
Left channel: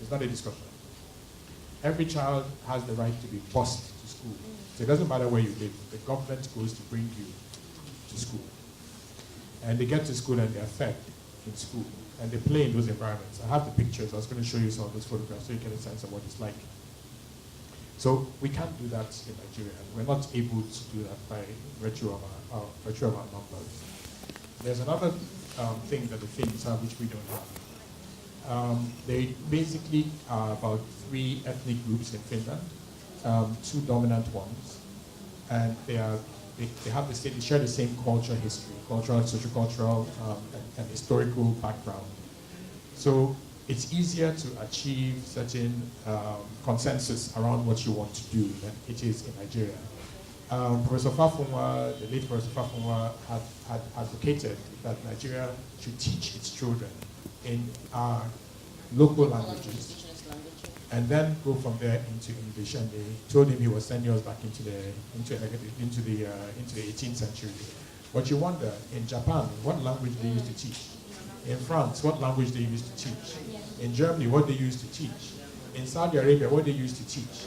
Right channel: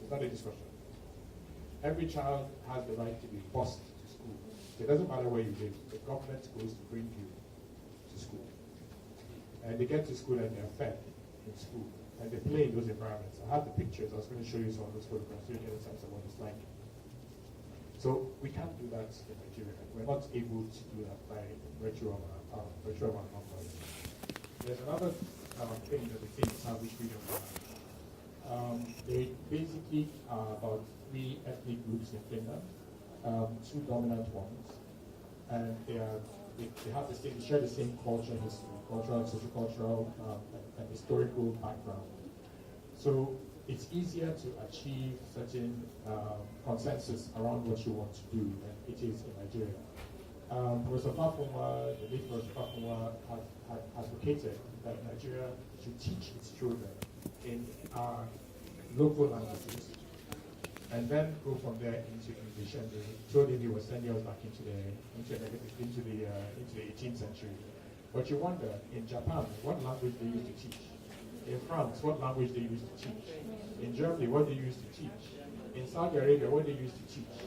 It's not a discussion. Every child has the right to be bused to school. So it doesn't matter where you live. The government goes to bring you to school. And they get to school and they're fed in school. And they play in those environments. I have the pictures. I was going to show you some of those photographs so you get a sense of what it's like. So we can't do that in Nigeria. We're not able to do that by virtue of our numbers. There's another thing that the Finns have which we don't have. They basically are about 3 ethnic groups in Finland, 2 dominant ones, and they share the same culture, history, cultural, sociocultural, and historical background. So it's easier to achieve certain consensus around what you want to do than it is in Nigeria. Professor Fafunwa, the late Professor Fafunwa, had advocated that Nigeria should teach its children in our local languages and then go from there into English. And they told him he was sending us back into the 18th century. But you wonder, in Japan, what language they used to teach? In France, what language they used to teach? In Germany, what they used to teach? In Saudi Arabia, what they used to teach?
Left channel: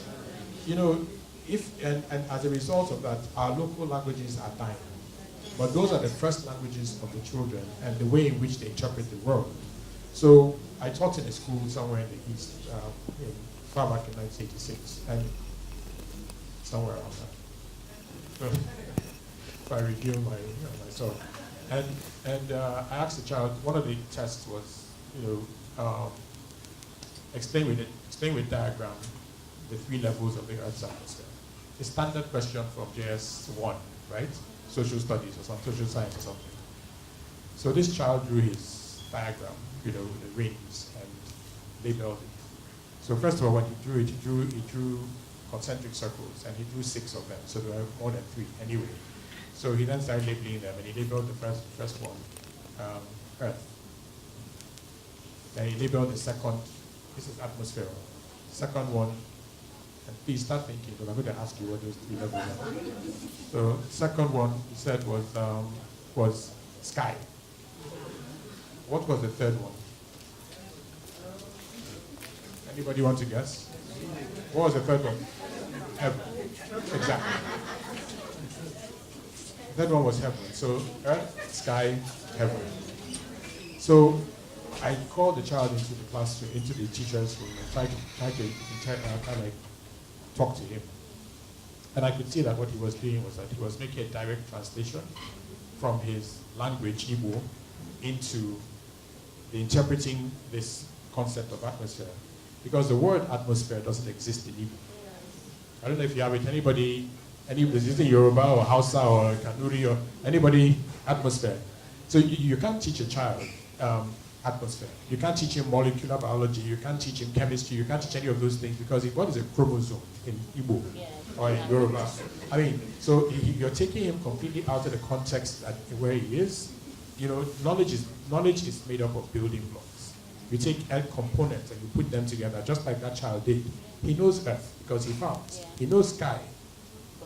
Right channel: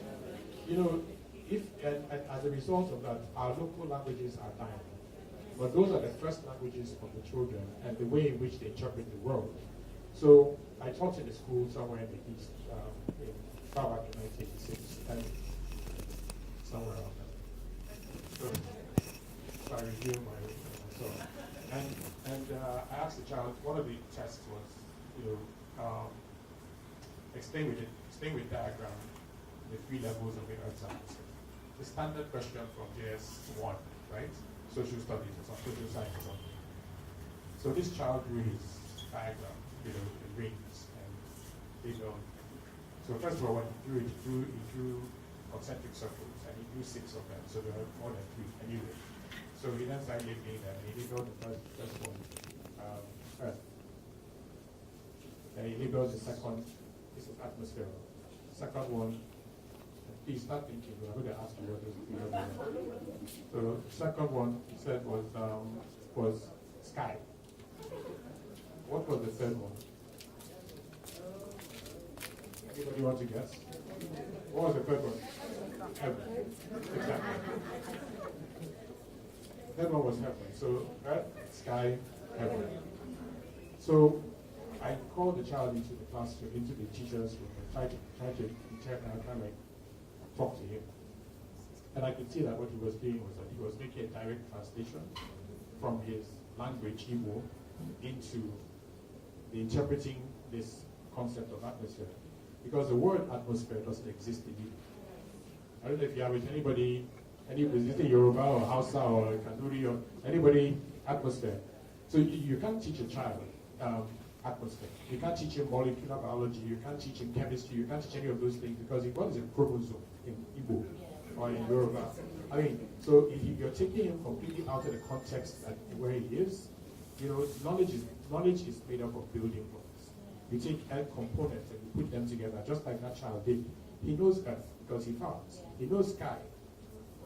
And as a result of that, our local languages are dying. But those are the first languages of the children and the way in which they interpret the world. So I taught in a school somewhere in the East, far back in 1986, and somewhere around that. So I reviewed myself. And I asked the child, one of the tests was, explain with diagram the 3 levels of the Earth's atmosphere. The standard question from JS1, right? Social studies or some social science or something. So this child drew his diagram, the rings, and labeled it. So first of all, what he drew concentric circles, and he drew 6 of them, so there were more than 3 anyway. So he then started labeling them, and he labeled the first one, Earth. And he labeled the second This is atmosphere. Second one, and please start thinking, because I'm going to ask you what those three levels are. So second one, he said, was sky. What was the third one? Anybody want to guess? What was the third one? Heaven. Exactly. The third one was heaven. So earth, sky, heaven. So I called the child into the classroom, into the teacher's room, and tried to kind of talk to him. And I could see that what he was doing was that he was making a direct translation from his language, Igbo, into interpreting this concept of atmosphere. Because the word atmosphere doesn't exist in Igbo. I don't know if you have it. Anybody, is it in Yoruba or Hausa or Kanuri or anybody, atmosphere? So you can't teach a child atmosphere. You can't teach him molecular biology. You can't teach him chemistry. You can't teach any of those things because what is a chromosome in Igbo or in Yoruba? I mean, so you're taking him completely out of the context where he is. You know, knowledge is made up of building blocks. You take earth components and you put them together, just like that child did. He knows earth because he found. He knows sky,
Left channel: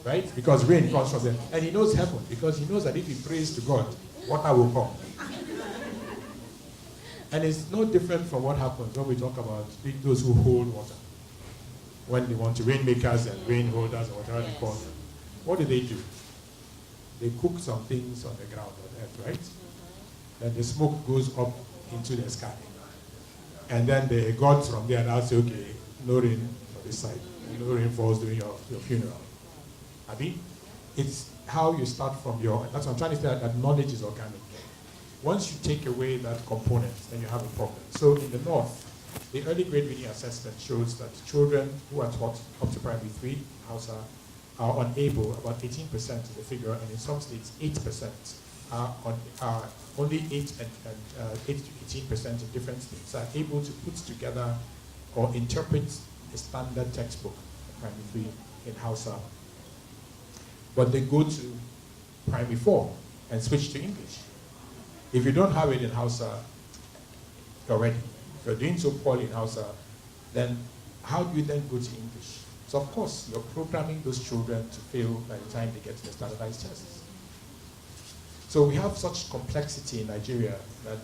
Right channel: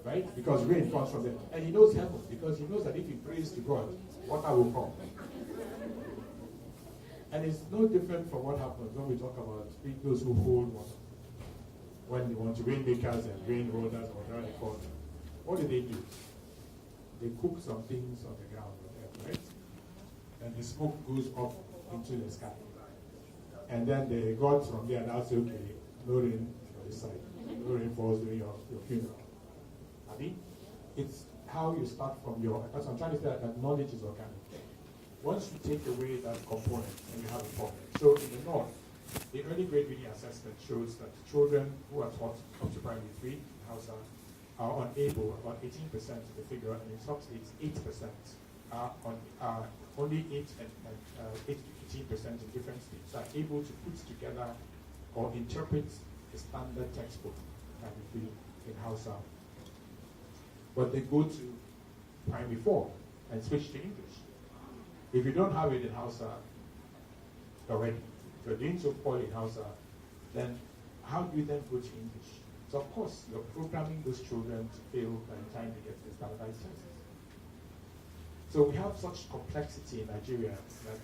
right? Because rain comes from there. And he knows heaven because he knows that if he prays to God, water will come. And it's no different from what happens when we talk about those who hold water. When they want to, rainmakers and rain holders or whatever they call them. What do? They cook some things on the ground on earth, right? And the smoke goes up into the sky. And then the gods from there now say, okay, no rain on this side. No rain falls during your funeral. I mean, it's how you start from that's what I'm trying to say, that knowledge is organic. Once you take away that component, then you have a problem. So in the north, the early grade reading assessment shows that children who are taught up to primary 3 in Hausa are unable, about 18% of the figure, and in some states 8% are only 8 to 18% in different states are able to put together or interpret a standard textbook, primary 3 in Hausa. But they go to primary 4 and switch to English. If you don't have it in Hausa, you're ready. If you're doing so poorly in Hausa, then how do you then go to English? So of course, you're programming those children to fail by the time they get to the standardized tests. So we have such complexity in Nigeria that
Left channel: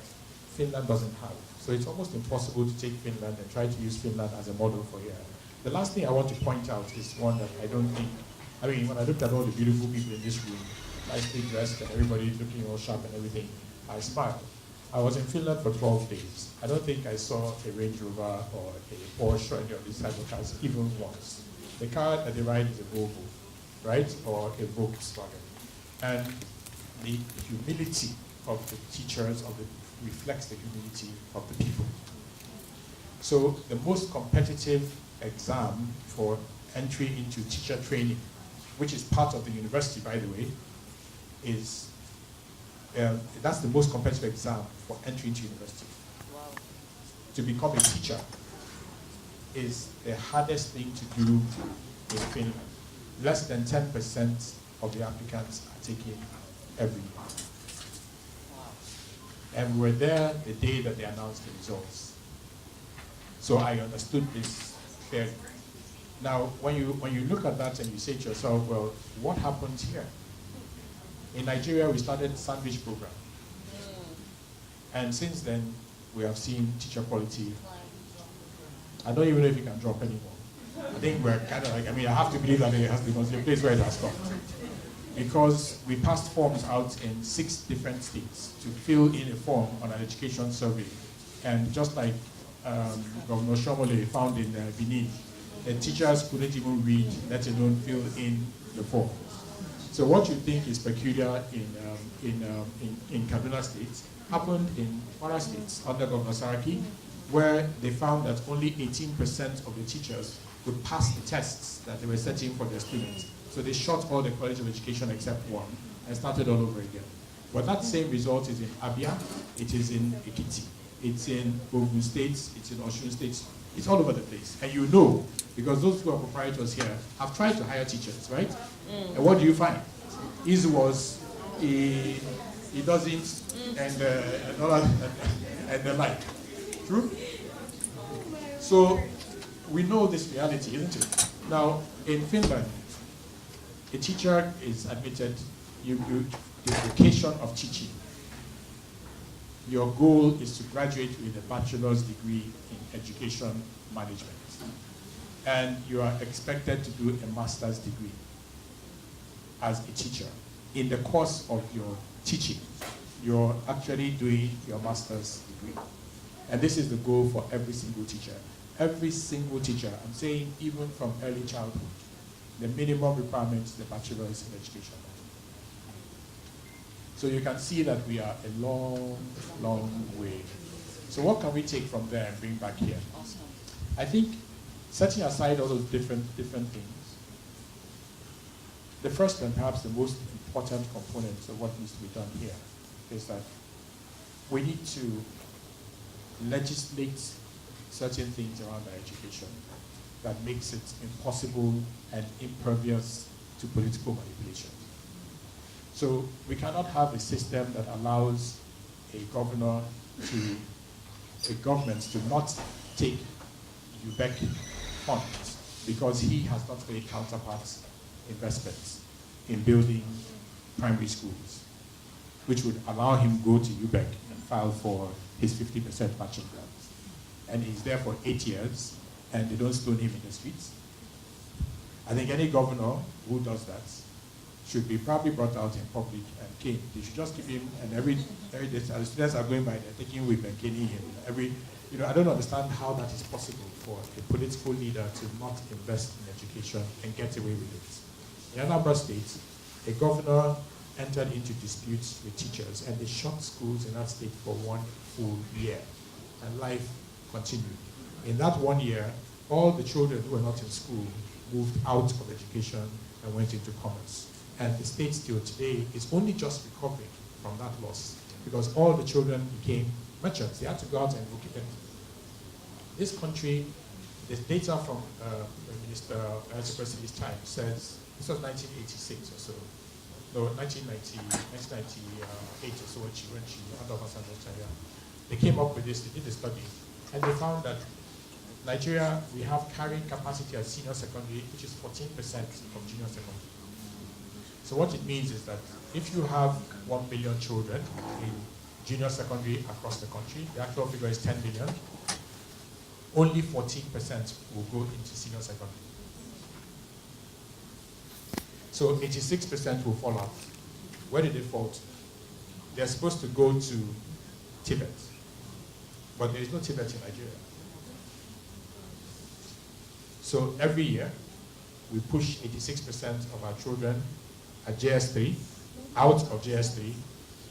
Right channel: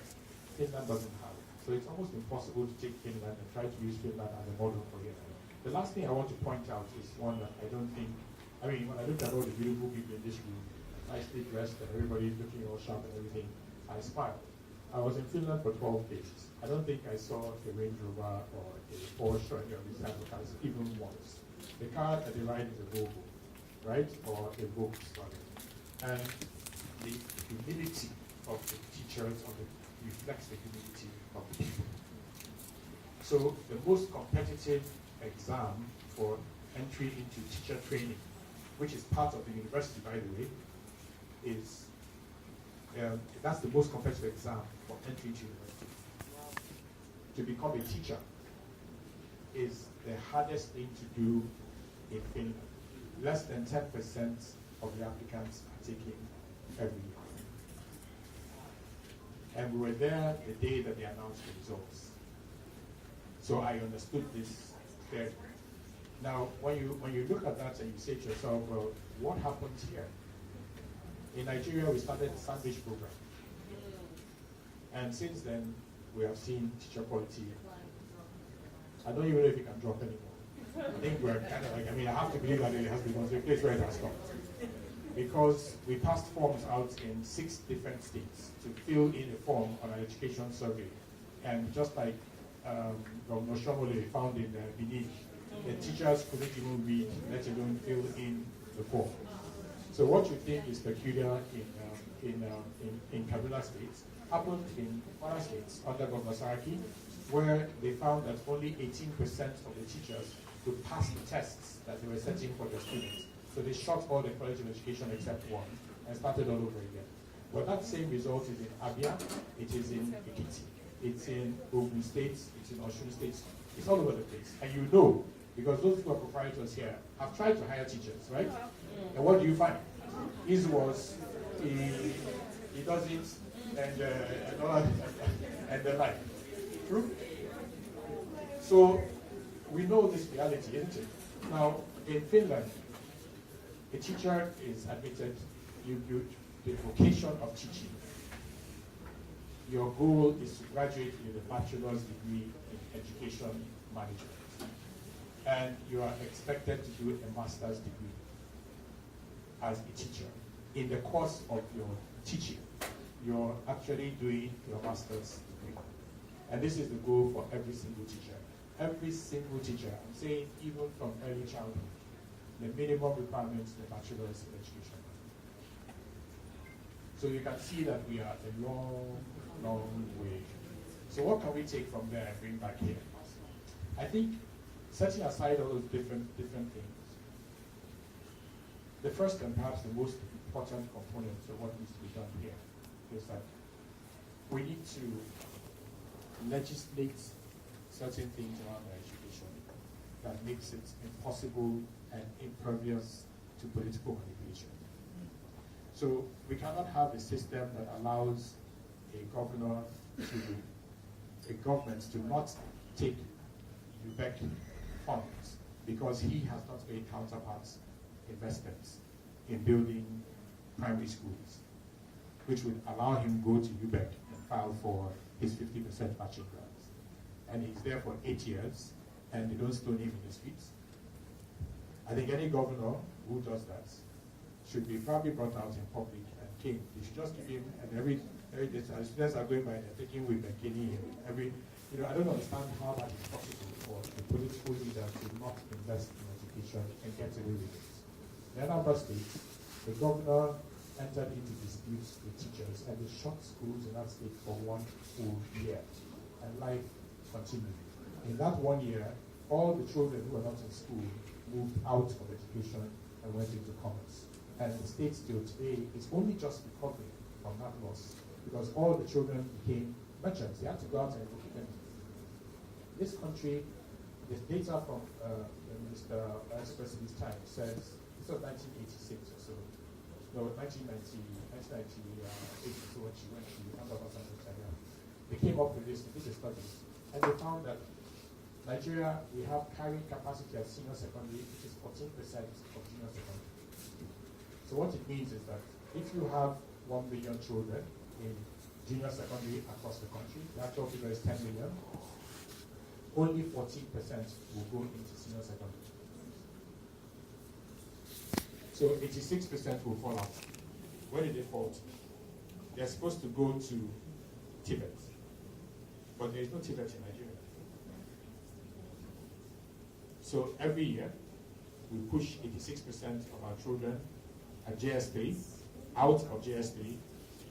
Finland doesn't have. So it's almost impossible to take Finland and try to use Finland as a model for here. The last thing I want to point out is one that I don't think, I mean, when I look at all the beautiful people in this room, nicely dressed and everybody looking all sharp and everything, I smile. I was in Finland for 12 days. I don't think I saw a Range Rover or a Porsche or any of these type of cars even once. The car that they ride is a Volvo, right? Or a Volkswagen. And the humility of the teachers reflects the humility of the people. So the most competitive exam for entry into teacher training, which is part of the university, by the way, is that's the most competitive exam for entry into university. Wow. To become a teacher is the hardest thing to do in Finland. Less than 10% of the applicants are taken every year. And we're there the day that they announced the results. So I understood this fairly. Now, when you look at that and you say to yourself, well, what happened here? In Nigeria, we started a sandwich program. And since then, we have seen teacher quality. I don't even know if you can drop anymore. I think we're kind of like, I mean, I have to believe that it has been a place where it has stopped. Because we passed forms out in 6 different states to fill in a form on an education survey. And just like Governor Shomole found in Benin, the teachers couldn't even read, let alone fill in the form. So what you think is peculiar in Kaduna State happened in other states under Governor Saraki, where they found that only 18% of the teachers could pass the tests that they were setting for their students. So they shot all the College of Education except one and started all over again. But that same result is in Abia, it is in Ekiti, it's in Ogun State, it's in Osun State, it's all over the place. And you know, because those who are proprietors here have tried to hire teachers, right? And what do you find? His was, he doesn't, and the like. True? So we know this reality, isn't it? Now, in Finland, a teacher is admitted, the vocation of teaching. Your goal is to graduate with a bachelor's degree in education management. And you are expected to do a master's degree as a teacher. In the course of your teaching, you're actually doing your master's degree. And this is the goal for every single teacher. Every single teacher, I'm saying even from early childhood, the minimum requirement is the bachelor's in education. So you can see that we are a long, long way. So what can we take from there and bring back here? I think setting aside all those different things, the first and perhaps the most important components of what needs to be done here is that we need to legislate certain things around our education that makes it impossible and impervious to political manipulation. So we cannot have a system that allows a government to not take UBEC funds because he has not made counterpart investments in building primary schools, which would allow him go to UBEC and file for his 50% matching grants. And he's there for 8 years, and they don't stone him in the streets. I think any governor who does that should be probably brought out in public and caned. They should just give him, and every day, as students are going by, they're taking him and caning him. I don't understand how that is possible for a political leader to not invest in education and get away with it. In Anambra State, a governor entered into disputes with teachers, and they shut schools in that state for 1 full year, and life continued. In that 1 year, all the children who were not in school moved out of education and went into commerce. And the state still today is only just recovering from that loss because all the children became merchants. They had to go out and work them. This country, the data from Minister President's time says, this was 1986 or so, no, 1998 or so when she they came up with this, they did a study, and they found that Nigeria, we have carrying capacity at senior secondary, which is 14% from junior secondary. So what it means is that if you have 1 million children in junior secondary across the country, the actual figure is 10 million, only 14% will go into senior secondary. So 86% will fall out. Where did they fall to? They're supposed to go to Tibet, but there is no Tibet in Nigeria. So every year, we push 86% of our children at JS3, out of JS3,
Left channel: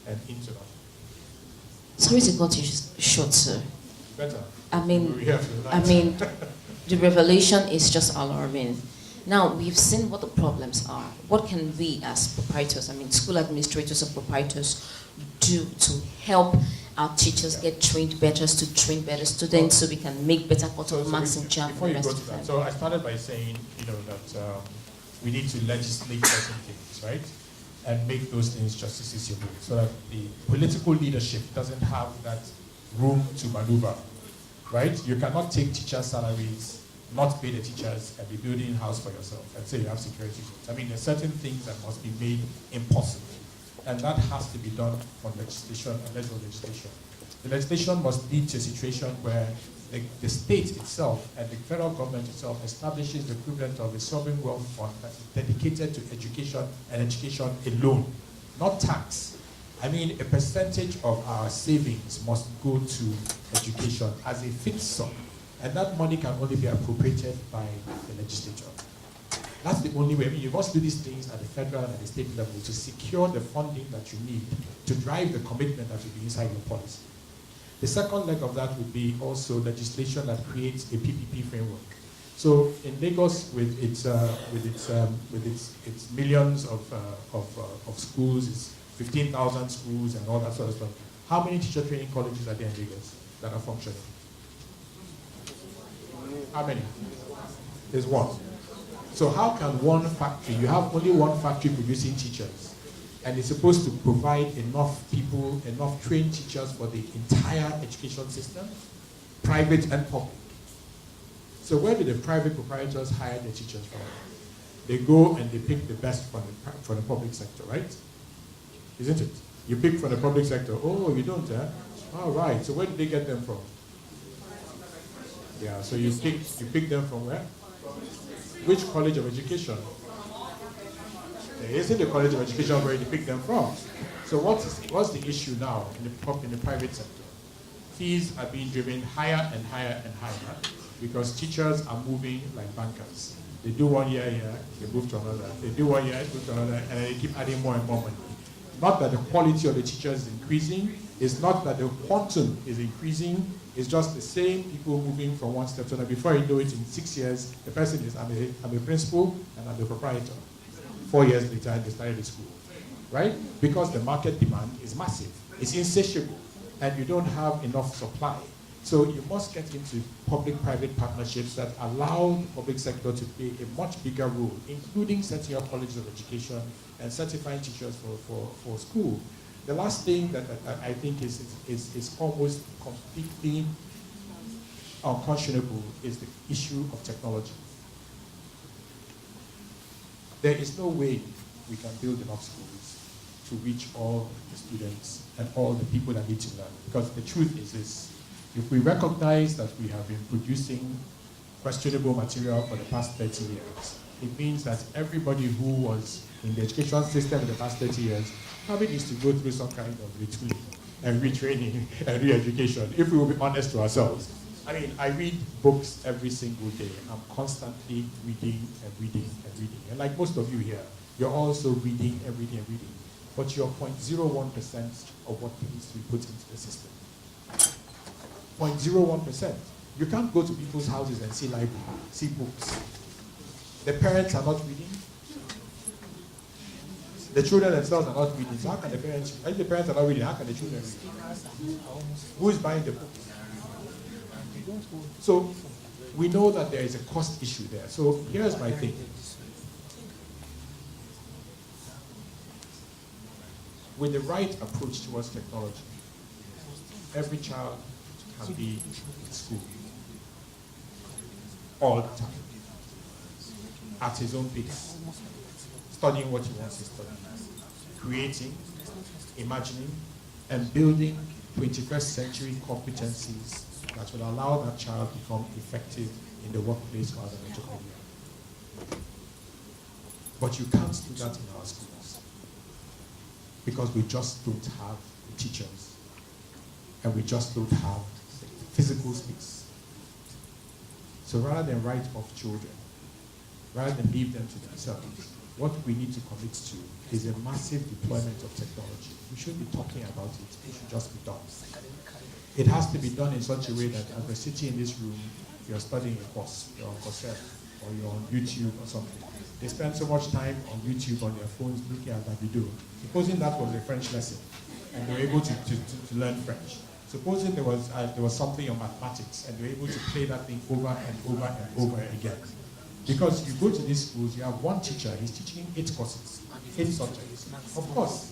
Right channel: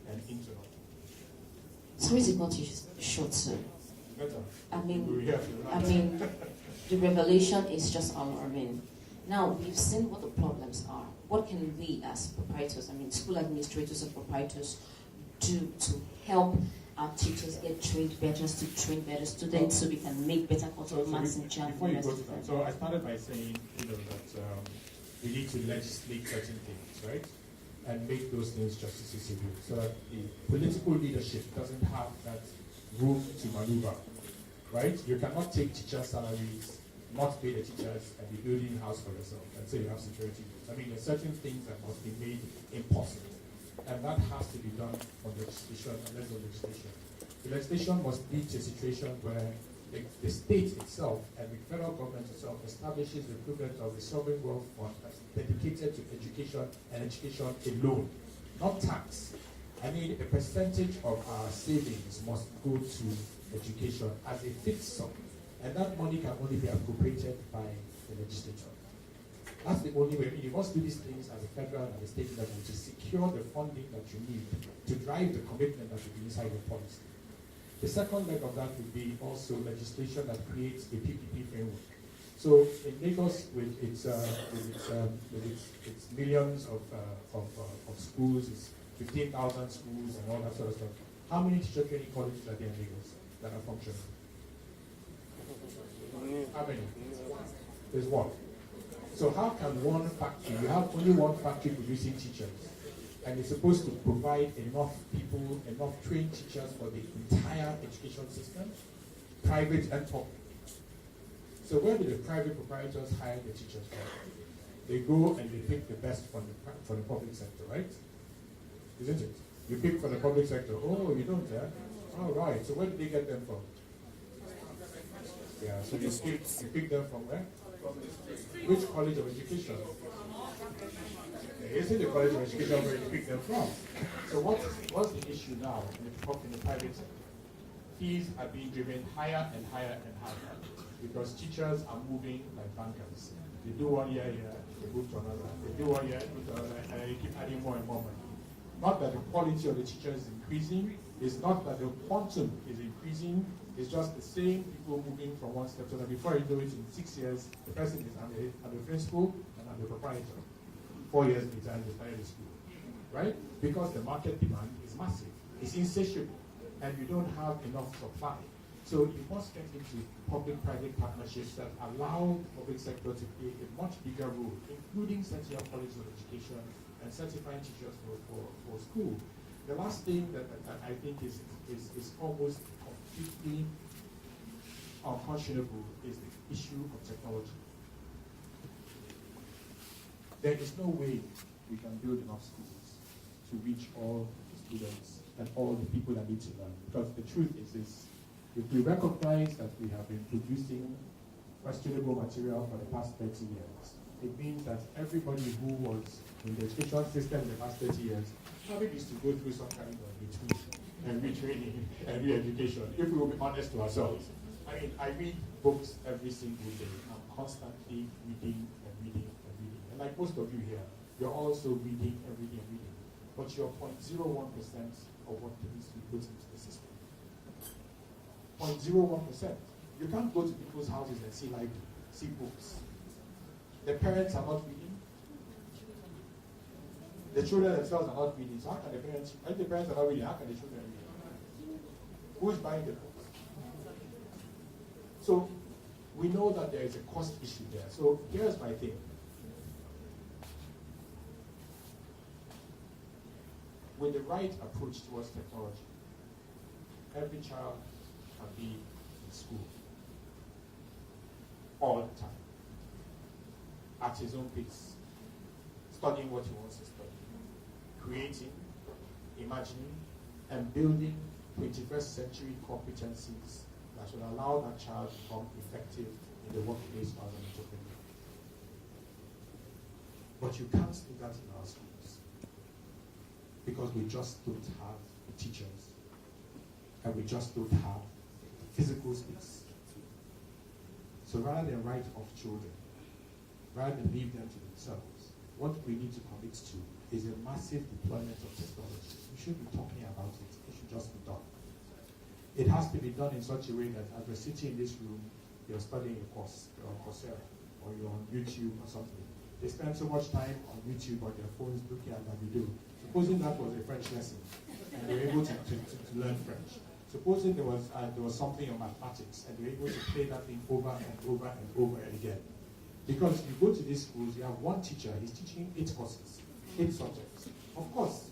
and into that. Sorry to cut you short, sir. Better. I mean, the revelation is just alarming. Now, we've seen what the problems are. What can we as proprietors, school administrators and proprietors, do to help our teachers get trained better, to train better students so we can make better cultural marks and jam for the rest of them? So I started by saying, that we need to legislate certain things, right? And make those things justiciable so that the political leadership doesn't have that room to maneuver, right? You cannot take teachers' salaries, not pay the teachers, and be building a house for yourself and say you have security zones. There's certain things that must be made impossible. And that has to be done on legislation, on legislation. The legislation must lead to a situation where the state itself and the federal government itself establishes the equivalent of a sovereign wealth fund that is dedicated to education and education alone, not tax. A percentage of our savings must go to education as a fixed sum, and that money can only be appropriated by the legislature. That's the only way. You must do these things at the federal and the state level to secure the funding that you need to drive the commitment that will be inside your policy. The second leg of that would be also legislation that creates a PPP framework. So in Lagos, with its millions of schools, its 15,000 schools and all that sort of stuff, how many teacher training colleges are there in Lagos that are functional? How many? There's one. So how can one factory, you have only one factory producing teachers, and it's supposed to provide enough people, enough trained teachers for the entire education system, private and public. So where do the private proprietors hire their teachers from? They go and they pick the best from the public sector, right? Isn't it? You pick from the public sector. Oh, you don't, huh? All right. So where did they get them from? Yeah, so you pick them from where? Which college of education? There isn't a college of education where you pick them from. So what's the issue now in the private sector? Fees are being driven higher and higher and higher because teachers are moving like bankers. They do 1 year here, they move to another. They do 1 year, move to another, and they keep adding more and more money. Not that the quality of the teachers is increasing, it's not that the quantum is increasing, it's just the same people moving from one step to another. Before you know it, in 6 years, the person is, I'm a principal and I'm the proprietor. 4 years later, they started the school, right? Because the market demand is massive, it's insatiable, and you don't have enough supply. So you must get into public-private partnerships that allow the public sector to play a much bigger role, including setting up colleges of education and certifying teachers for school. The last thing that I think is almost completely unconscionable is the issue of technology. There is no way we can build enough schools to reach all the students and all the people that need to learn. Because the truth is this, if we recognize that we have been producing questionable material for the past 30 years, it means that everybody who was in the education system in the past 30 years probably needs to go through some kind of retooling and retraining and re-education, if we will be honest to ourselves. I mean, I read books every single day. I'm constantly reading and reading and reading. And like most of you here, you're also reading and reading and reading. But you're 0.01% of what needs to be put into the system. 0.01%. You can't go to people's houses and see library, see books. The parents are not reading. The children themselves are not reading. So how can the parents, if the parents are not reading, how can the children read? Who is buying the books? So we know that there is a cost issue there. So here's my thing. With the right approach towards technology, every child can be in school all the time, at his own pace, studying what he wants to study, creating, imagining, and building 21st century competencies that will allow that child to become effective in the workplace or as an entrepreneur. But you can't do that in our schools because we just don't have the teachers and we just don't have the physical space. So rather than write off children, rather than leave them to themselves, what we need to commit to is a massive deployment of technology. We should be talking about it. It should just be done. It has to be done in such a way that as we're sitting in this room, you're studying a course, you're on Coursera, or you're on YouTube or something. They spend so much time on YouTube on their phones looking at that video. Supposing that was a French lesson, and they were able to learn French. Supposing there was something on mathematics, and they were able to play that thing over and over and over again. Because you go to these schools, you have one teacher, he's teaching 8 courses, 8 subjects. Of course,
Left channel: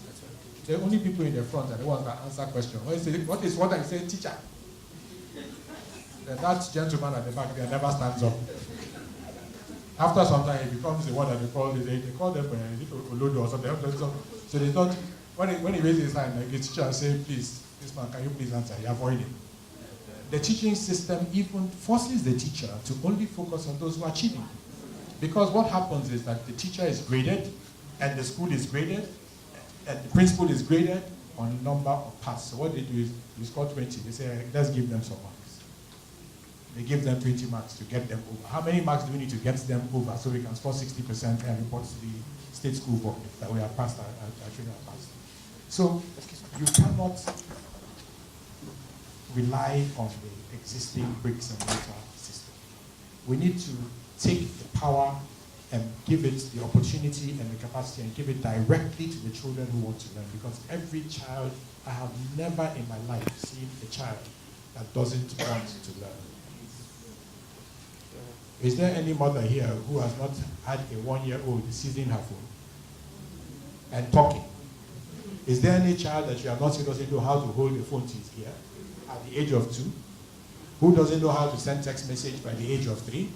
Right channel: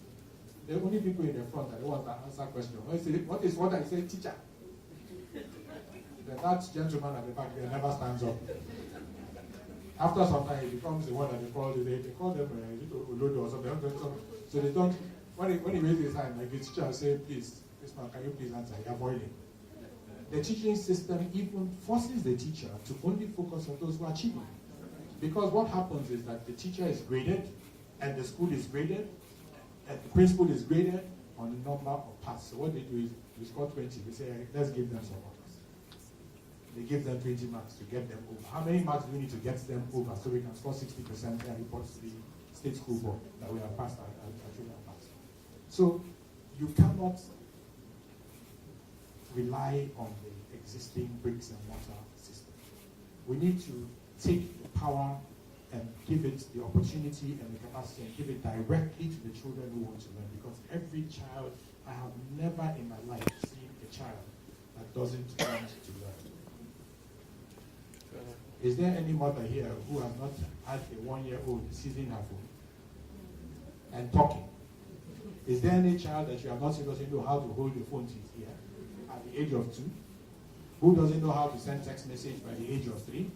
the only people in the front are the ones that answer questions. What is what I say, teacher? That gentleman at the back there never stands up. After some time, it becomes the one that they call them Olodo or something. So they don't, when he raises his hand, like the teacher will say, please, this man, can you please answer? He avoids him. The teaching system even forces the teacher to only focus on those who are achieving. Because what happens is that the teacher is graded, and the school is graded, and the principal is graded on the number of pass. So what they do is, you score 20, they say, let's give them some marks. They give them 20 marks to get them over. How many marks do we need to get them over so we can score 60% and report to the state school board that we have passed our children have passed? So you cannot rely on the existing bricks and mortar system. We need to take the power and give it the opportunity and the capacity and give it directly to the children who want to learn. Because every child, I have never in my life seen a child that doesn't want to learn. Is there any mother here who has not had a 1-year-old seizing her phone and talking? Is there any child that you have not seen doesn't know how to hold the phone to his ear at the age of 2? who doesn't know how to send text message by the age of 3,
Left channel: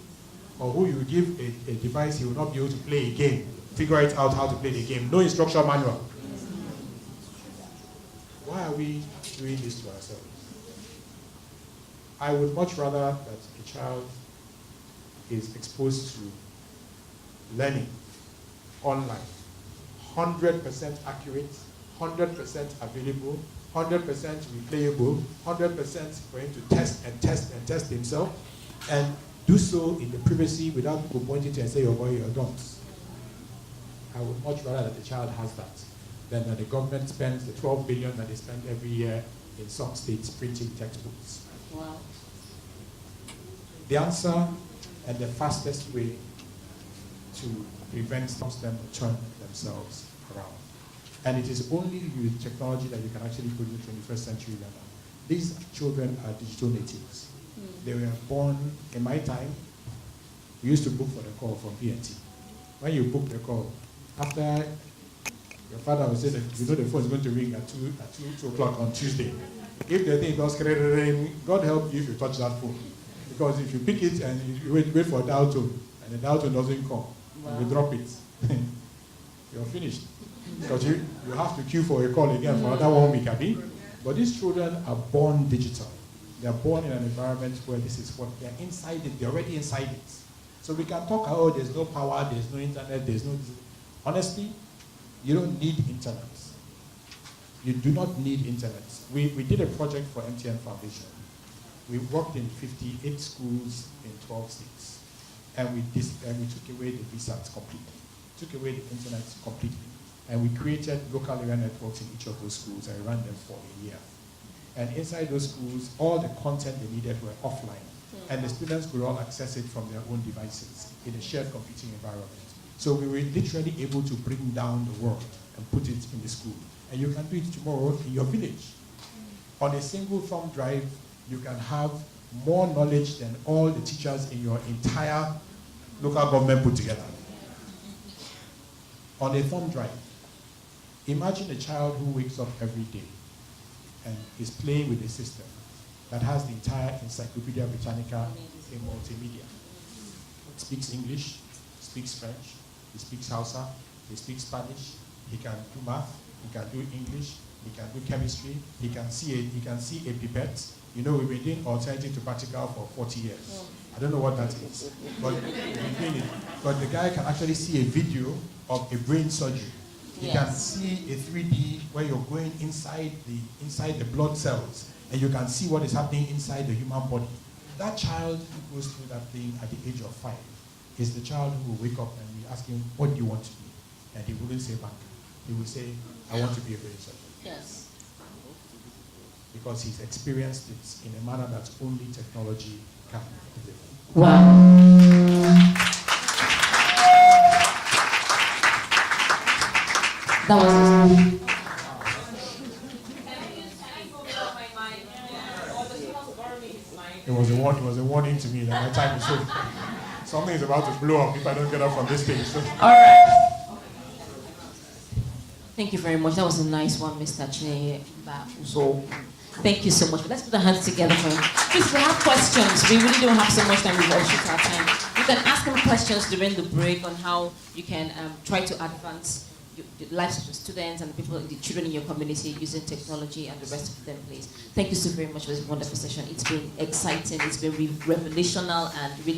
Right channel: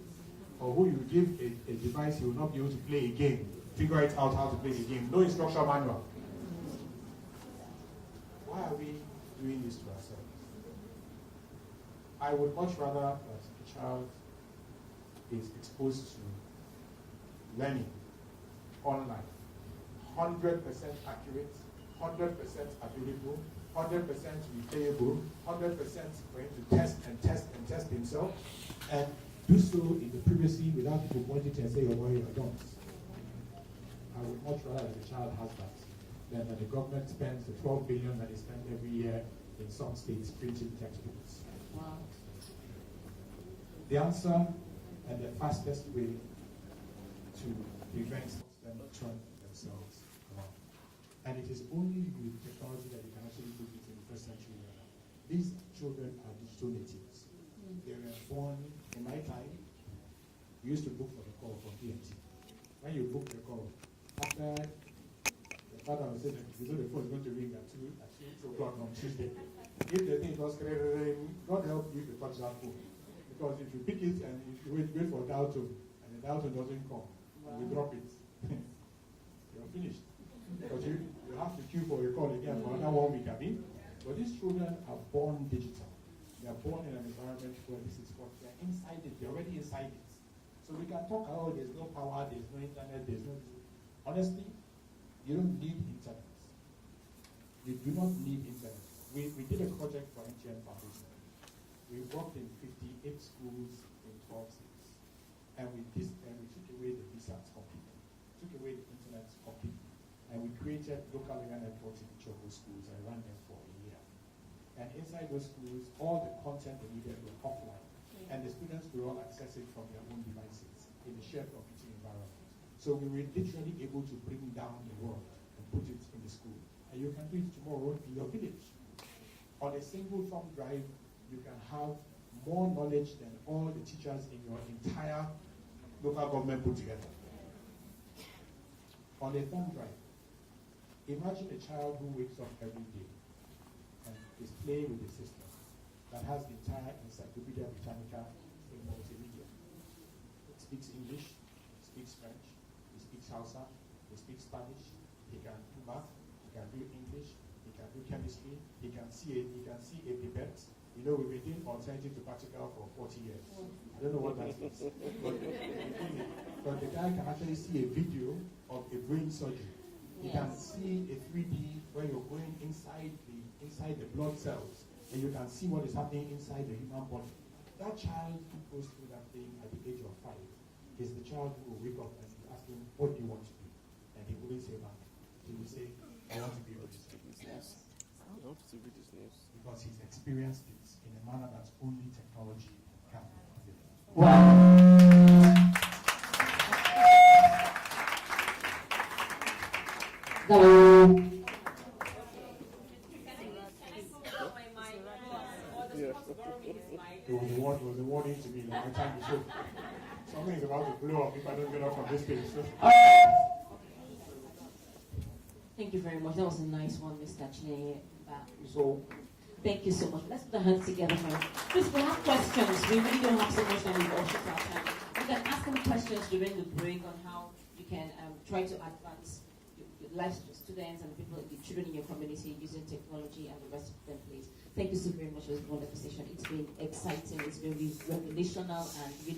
or who you give a device, he will not be able to play a game, figure it out how to play the game. No instruction manual. Why are we doing this to ourselves? I would much rather that a child is exposed to learning online, 100% accurate, 100% available, 100% replayable, 100% for him to test and test and test himself, and do so in the privacy without people pointing to and say, oh boy, you're dumb. I would much rather that the child has that than that the government spends the 12 billion that they spend every year in some states printing textbooks. Wow. The answer and the fastest way to prevent them or turn themselves around. And it is only with technology that you can actually put in the 21st century level. These children are digital natives. They were born, in my time, we used to book for the call from PNT. When you book the call, after your father would say that you know the phone is going to ring at 2 o'clock on Tuesday. If the thing does ring, God help you if you touch that phone. Because if you pick it and you wait for a dial tone, and the dial tone doesn't come, and you drop it, you're finished. Because you have to queue for a call again for another 1 week, Abby. But these children are born digital. They are born in an environment where this is what they're inside it, they're already inside it. So we can talk, oh, there's no power, there's no internet, there's no... Honestly, you don't need internet. You do not need internet. We did a project for MTN Foundation. We worked in 58 schools in 12 states. And we took away the VSATs completely. Took away the internet completely. And we created local area networks in each of those schools and ran them for a year. And inside those schools, all the content they needed were offline. And the students could all access it from their own devices in a shared computing environment. So we were literally able to bring down the world and put it in the school. And you can do it tomorrow in your village. On a single thumb drive, you can have more knowledge than all the teachers in your entire local government put together. On a thumb drive. Imagine a child who wakes up every day and is playing with a system that has the entire Encyclopedia Britannica in multimedia. It speaks English, speaks French, he speaks Hausa, he speaks Spanish, he can do math, he can do English, he can do chemistry, he can see a pipette. You know, we've been doing alternative to practical for 40 years. I don't know what that is, but the guy can actually see a video of a brain surgery. You can see a 3D where you're going inside the blood cells, and you can see what is happening inside the human body. That child who goes through that thing at the age of 5 is the child who will wake up and we ask him, what do you want to be? And he wouldn't say bank. He will say, I want to be a brain surgeon. Yes. Because he's experienced it in a manner that only technology can deliver. Wow. That was It was a warning to me that my time is over. Something is about to blow up if I don't get up from this stage. So. all right. Thank you very much. That was a nice one, Mr. Chinenye Mba Uzokwu. Thank you so much. Let's put our hands together for him. Please, we have questions. We really don't have so much time. We've all short our time. You can ask him questions during the break on how you can try to advance the lives of the students and the children in your community using technology and the rest of them, please. Thank you so very much for this wonderful session. It's been exciting. It's been revelational and really